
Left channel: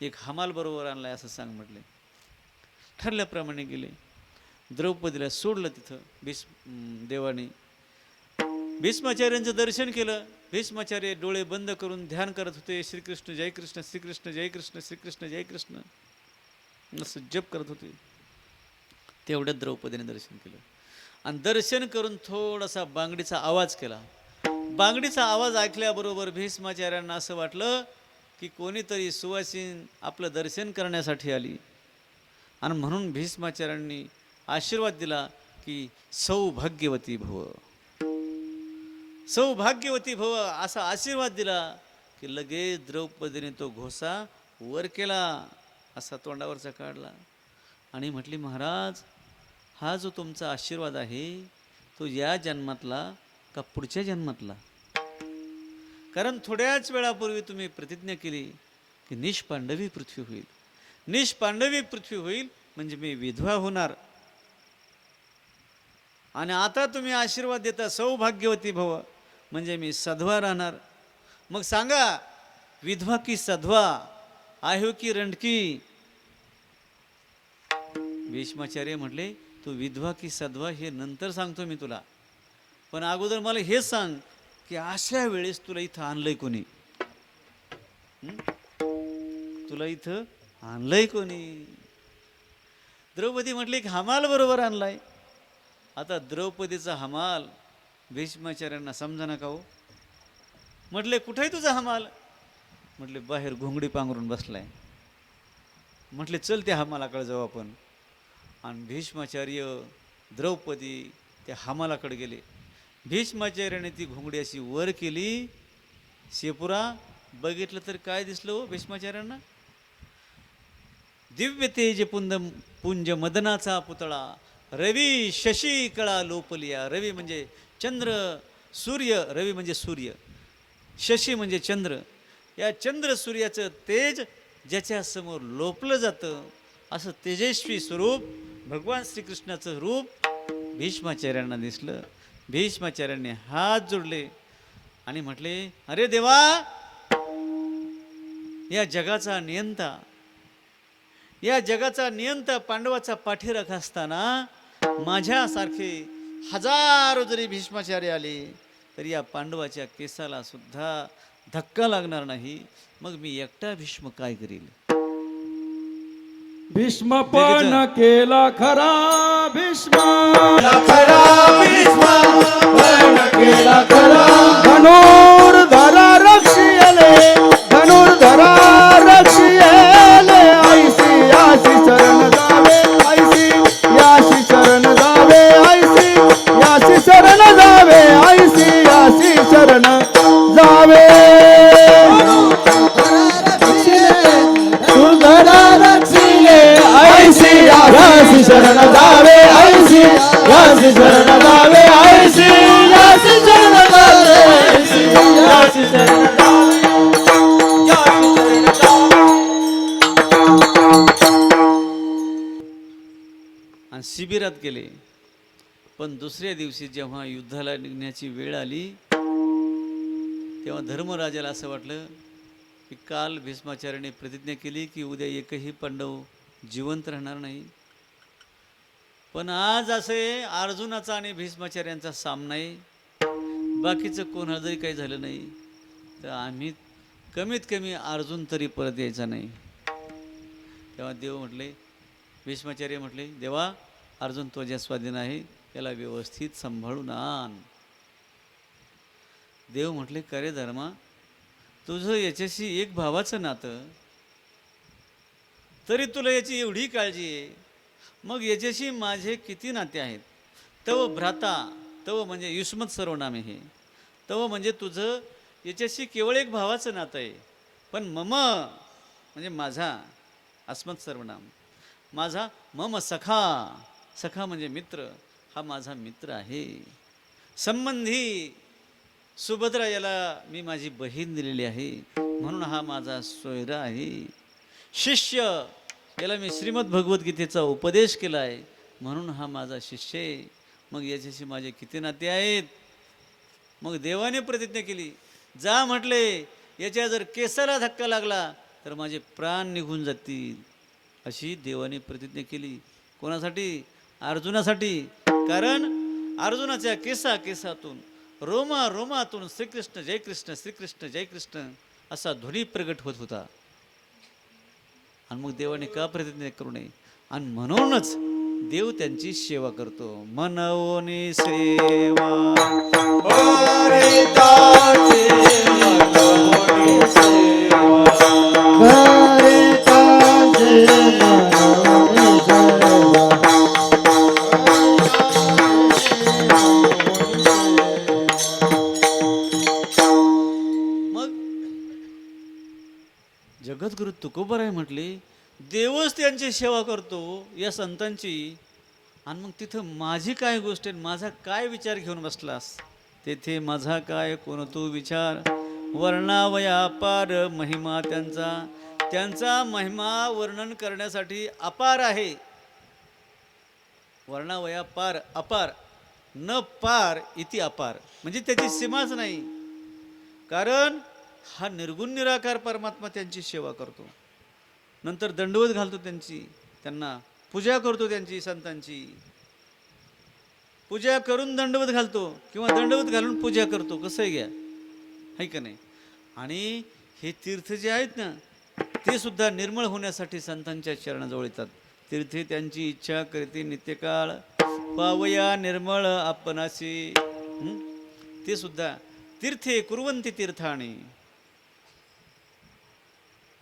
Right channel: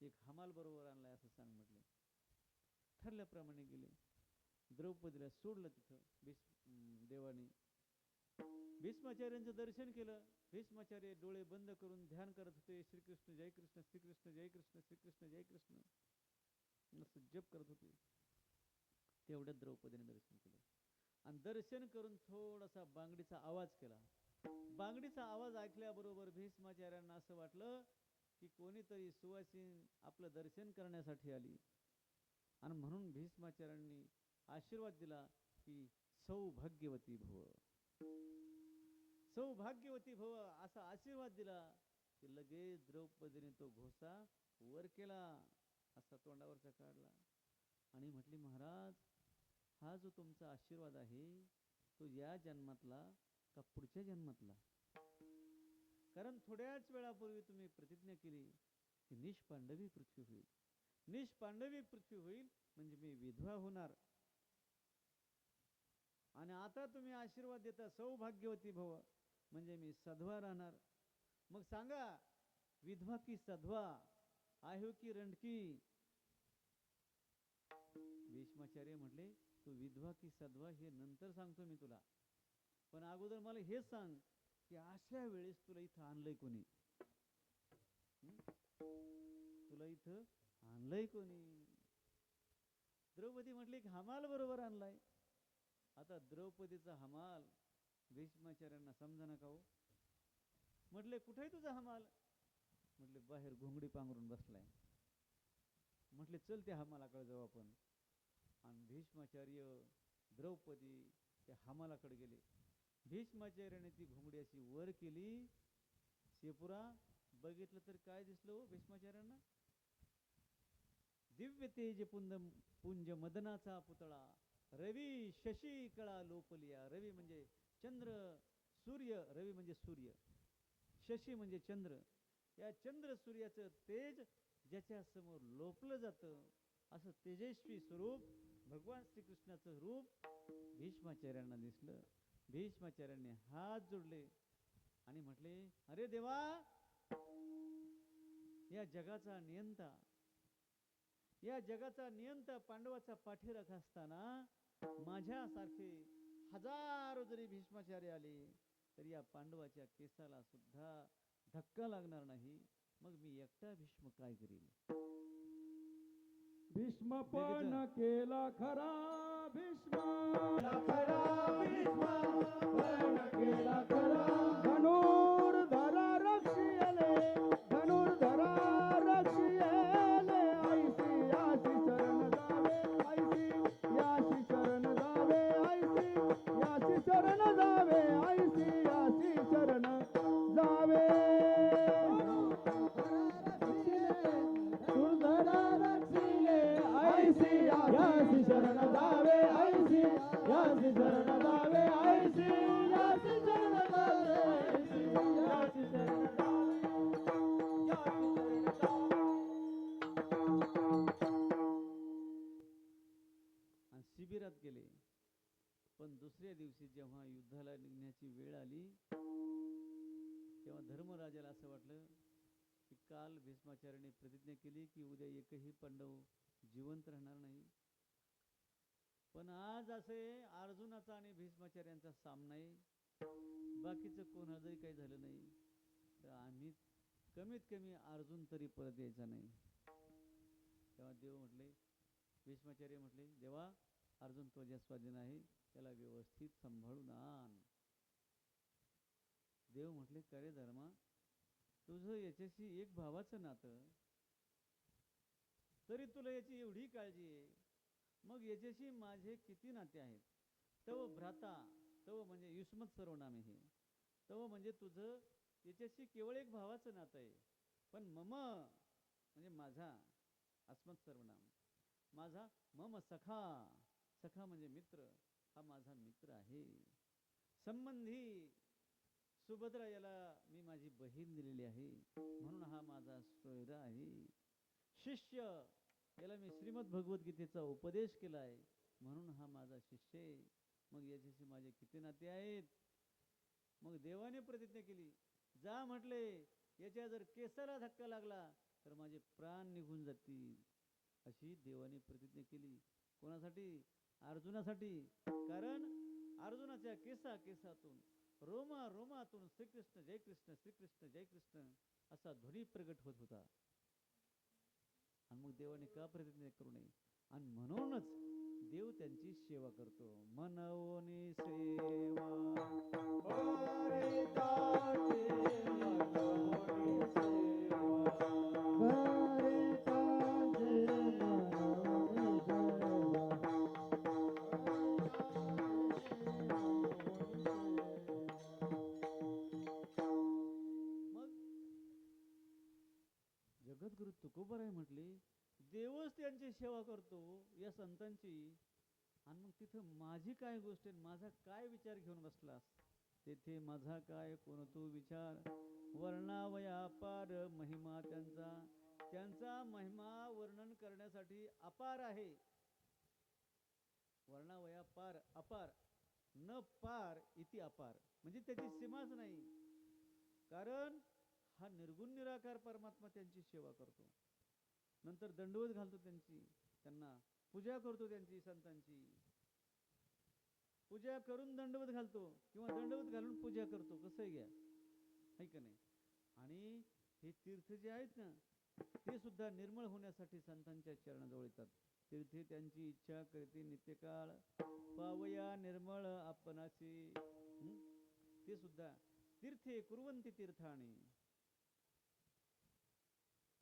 एक हमाल बरोबर आणलाय असं सांग म्हटले. ठरल्याप्रमाणे गेले. द्रौपदीला सोडलं तिथं देवाने. भीष्माचार्यांचं दर्शन केलं. भीष्माचार्य डोळे बंद करून ध्यान करत होते. श्रीकृष्ण जय कृष्ण, श्रीकृष्ण जय कृष्ण, श्रीकृष्ण जय कृष्ण असं जप करत होते. तेवढ्यात द्रौपदीने दर्शन केलं. आणि दर्शन करून थोडासा बांगडीचा आवाज केला. बांगडीचा आवाज ऐकल्याबरोबर भीष्माचार्यांना असं वाटलं की कोणीतरी सुवासीन आपलं दर्शन करण्यासाठी आली. आणि म्हणून भीष्माचार्यांनी आशीर्वाद दिला की सौभाग्यवती भव, सौभाग्यवती भव असा आशीर्वाद दिला की लगेच द्रौपदीने तो घोसा वर केला, असा तोंडावरचा काढला आणि म्हटली महाराज, हा जो तुमचा आशीर्वाद आहे तो या जन्मातला का पुढच्या जन्मातला. कारण थोड्याच वेळापूर्वी तुम्ही प्रतिज्ञा केली की निष्पांडवी पृथ्वी होईल. निष्पांडवी पृथ्वी होईल म्हणजे मी विधवा होणार. आणि आता तुम्ही आशीर्वाद देता सौभाग्यवती भव म्हणजे मी सधवा राहणार. मग सांगा, विधवा की सधवा, आहो की रंडकी. भीष्माचार्य म्हटले तू विधवा की सधवा हे नंतर सांगतो मी तुला, पण अगोदर मला हे सांग की अशा वेळेस तुला इथं आणलंय कोणी, तुला इथं आणलंय कोणी. द्रौपदी म्हटली की हमाल बरोबर आणलाय. आता द्रौपदीचा हमाल भीष्माचार्यांना समजा नका हो. म्हटले कुठे तुझा हमाल. म्हटले बाहेर घोंगडी पांघरून बसलाय. म्हटले चल त्या हमालाकडे जाऊ आपण. आणि भीष्माचार्य द्रौपदी त्या हमालाकडे गेले. भीष्माचार्याने ती घोंगडी अशी वर केली शेपुरा बघितलं तर काय दिसलं हो भीष्माचार्यांना? दिव्य तेज पुंज मदनाचा पुतळा, रवी शशी कळा लोपलिया. रवी म्हणजे चंद्र, सूर्य, रवी म्हणजे सूर्य, शशी म्हणजे चंद्र. या चंद्र सूर्याचं तेज ज्याच्या समोर लोपलं जातं, असं तेजस्वी स्वरूप भगवान श्रीकृष्णाचं रूप भीष्माचार्यांना दिसलं. भीष्माचार्यांनी हात जोडले आणि म्हटले, अरे देवा, या जगाचा नियंता, या जगाचा नियंता पांडवाचा पाठीराख असताना माझ्यासारखे हजारो जरी भीष्माचार्य आले तरी या पांडवाच्या केसाला सुद्धा धक्का लागणार नाही. मग मी एकटा भीष्म काय करील? भीष्म पण केला खरा, भीष्म खरा भीष्म पण केला खरा. धनुर्धरा रक्षियले, धनुर्धरा रक्षियले. ऐसी याशी शरण जावे, ऐसी याशी शरण जावे, ऐसी याशी शरण जावे, ऐसी याशी शरण जावे. धनुर्धरा रक्षिले, ऐसी यासी शरण जावे, ऐसी यासी शरण जावे, ऐसी यासी शरण जावे, ऐसी यासी शरण जावे, यासी शरण जावे. आणि शिबिरात गेले. पण दुसऱ्या दिवशी जेव्हा युद्धाला निघण्याची वेळ आली तेव्हा धर्मराजाला असं वाटलं की काल भीष्माचार्याने प्रतिज्ञा केली की उद्या एकही पांडव जिवंत राहणार नाही. पण आज असे अर्जुनाचा आणि भीष्माचार्यांचा सामना आहे, बाकीचं कोणाला जरी काही झालं नाही तर आम्ही कमीत कमी अर्जुन तरी परत यायचा नाही. तेव्हा देव म्हटले, भीष्माचार्य म्हटले, देवा, अर्जुन तुझ्या स्वाधीन आहे, त्याला व्यवस्थित सांभाळून आण. देव म्हटले, का रे धर्मा, तुझं याच्याशी एक भावाचं नातं, तरी तुला याची एवढी काळजी आहे, मग याच्याशी माझे किती नाते आहेत. तव भ्राता, तव म्हणजे युष्मत सर्वनाम आहे हे, तव म्हणजे तुझं याच्याशी केवळ एक भावाचं नातं आहे. पण मम म्हणजे माझा, अस्मत् सर्वनाम, माझा मम सखा, सखा म्हणजे मित्र, हा माझा मित्र आहे. संबंधी, सुभद्रा याला मी माझी बहीण दिलेली आहे म्हणून हा माझा सोयरा आहे. शिष्य, याला मी श्रीमद भगवद्गीतेचा उपदेश केला आहे म्हणून हा माझा शिष्य आहे. मग याच्याशी माझे किती नाते आहेत. मग देवाने प्रतिज्ञा केली, जा म्हटले, याच्या जर केसाला धक्का लागला तर माझे प्राण निघून जातील, अशी देवाने प्रतिज्ञा केली. कोणासाठी? अर्जुनासाठी. कारण अर्जुनाच्या केसातून, रोमा रोमातून श्रीकृष्ण जय कृष्ण, श्रीकृष्ण जय कृष्ण असा ध्वनी प्रगट होत होता. आणि मग देवाने का प्रतिज्ञा करू नये? आणि म्हणूनच देव त्यांची सेवा करतो. मनवोनी सेवा हरिताची मनोनी सेवा, हरिताची मनोनी सेवा. मग जगद्गुरु तुकोबाराय म्हटले, देवच त्यांची सेवा करतो या संतांची, आणि मग तिथं माझी काय गोष्ट आहे, माझा काय विचार घेऊन बसलास? तेथे माझा काय कोण तू विचार, वर्णावया अपार महिमा त्यांचा, त्यांचा महिमा वर्णन करण्यासाठी अपार आहे. वर्णावया पार, अपार, न पार इति अपार, म्हणजे त्याची सीमाच नाही. कारण हा निर्गुण निराकार परमात्मा त्यांची सेवा करतो. नंतर दंडवत घालतो त्यांची, त्यांना पूजा करतो, त्यांची संतांची पूजा करून दंडवत घालतो किंवा दंडवत घालून पूजा करतो. कसं आहे घ्या, आहे का नाही? आणि हे तीर्थ जे आहेत ना, ते सुद्धा निर्मळ होण्यासाठी संतांच्या चरणाजवळ येतात. तीर्थे त्यांची इच्छा करते नित्यकाळ, पावया निर्मळ आपणाशी. ते सुद्धा तीर्थे कुर्वंती तीर्थाणी,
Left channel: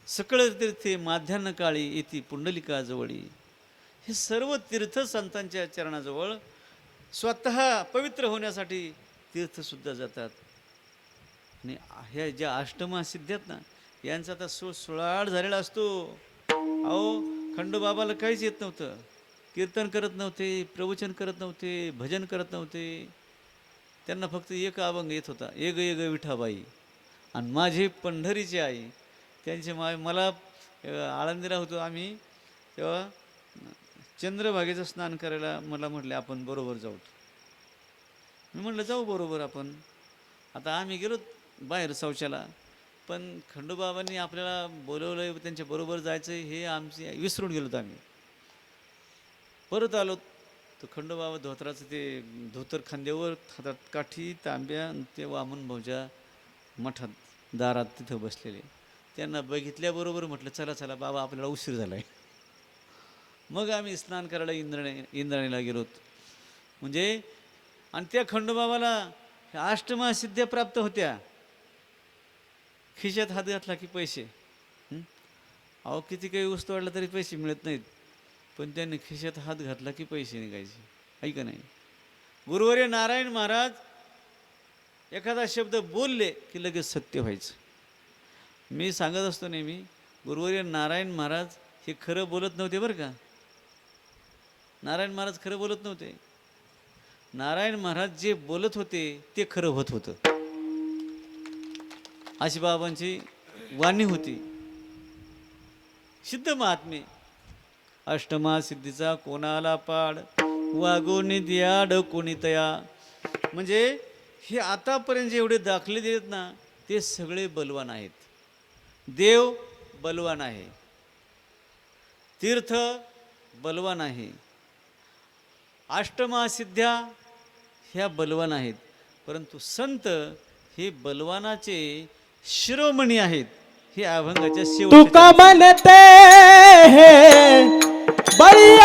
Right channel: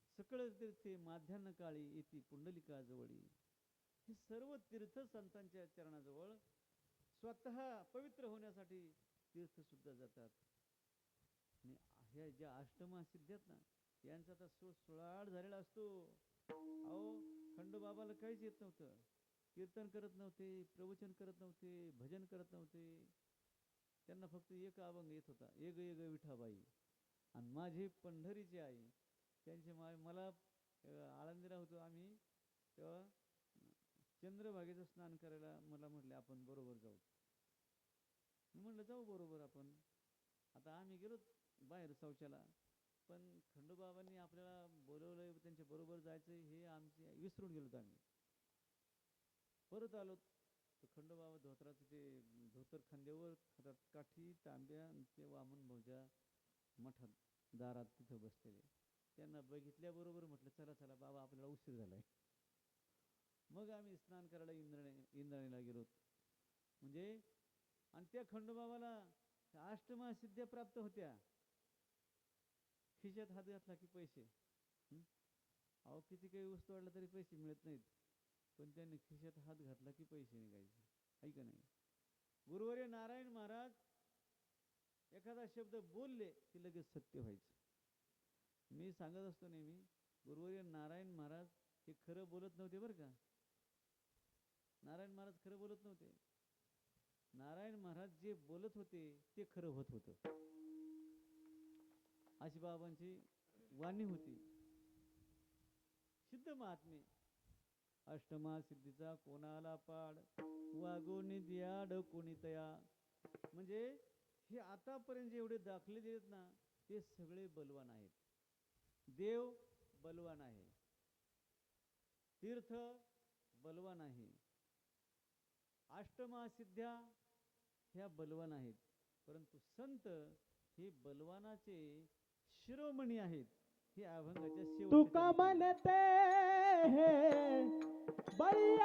सकळ तीर्थे माध्यान्ह काळी येती पुंडलिका जवळी. हे सर्व तीर्थ संतांच्या चरणाजवळ स्वतः पवित्र होण्यासाठी तीर्थसुद्धा जातात. आणि ह्या ज्या अष्टमा सिद्धी आहेत ना, यांचा आता सुळाट झालेला असतो. अहो खंडोबाबाला काहीच येत नव्हतं, कीर्तन करत नव्हते, प्रवचन करत नव्हते, भजन करत नव्हते. त्यांना फक्त एक अभंग येत होता, एक एक विठाबाई. आणि माझी पंढरीची आई, त्यांची मला आळंदीला होतो आम्ही तेव्हा, चंद्रभागेचं स्नान करायला मला म्हटले आपण बरोबर जाऊ. मी म्हटलं जाऊ बरोबर आपण. आता आम्ही गेलो बाहेर शौचाला, पण खंडोबाबांनी आपल्याला बोलवलं, त्यांच्या बरोबर जायचं हे आमची विसरून गेलो आम्ही. परत आलो तर खंडोबाबा धोत्राचं ते धोतर खांद्यावर, हातात काठी, तांब्या, ते वामन भाऊच्या मठात दारात तिथं बसलेले. त्यांना बघितल्याबरोबर म्हटलं चला चला बाबा आपल्याला उशीर झाला आहे. मग आम्ही स्नान करायला इंद्राणीला गेलो. म्हणजे आणि त्या खंडोबाबाला अष्टमा सिद्ध्या प्राप्त होत्या. खिशात हात घातला की पैसे. अहो किती काही वस्तू वाढला तरी पैसे मिळत नाहीत, पण त्यांनी खिशात हात घातला की पैसे निघायचे. ऐका नाही, गुरुवर्य नारायण महाराज एखादा शब्द बोलले की लगेच सत्य व्हायचं. मी सांगत असतो नेहमी, गुरुवर्य नारायण महाराज हे खरं बोलत नव्हते बरं का. नारायण महाराज खरं बोलत नव्हते. नारायण महाराज जे बोलत होते ते खरं होत होतं. अशी बाबांची वाणी होती. सिद्ध महात्मे, अष्टमा सिद्धीचा कोणाला पाड, वागोनी दियाड कोणी तया. म्हणजे हे आतापर्यंत जेवढे दाखले देत ना ते सगळे बलवान आहेत. देव बलवान आहे, तीर्थ बलवान आहे, अष्टमा सिद्ध्या ह्या बलवान आहेत. परंतु संत हे बलवानाचे शिरोमणी आहेत. हे अभंगाच्या शेवटी तुका म्हणते बळी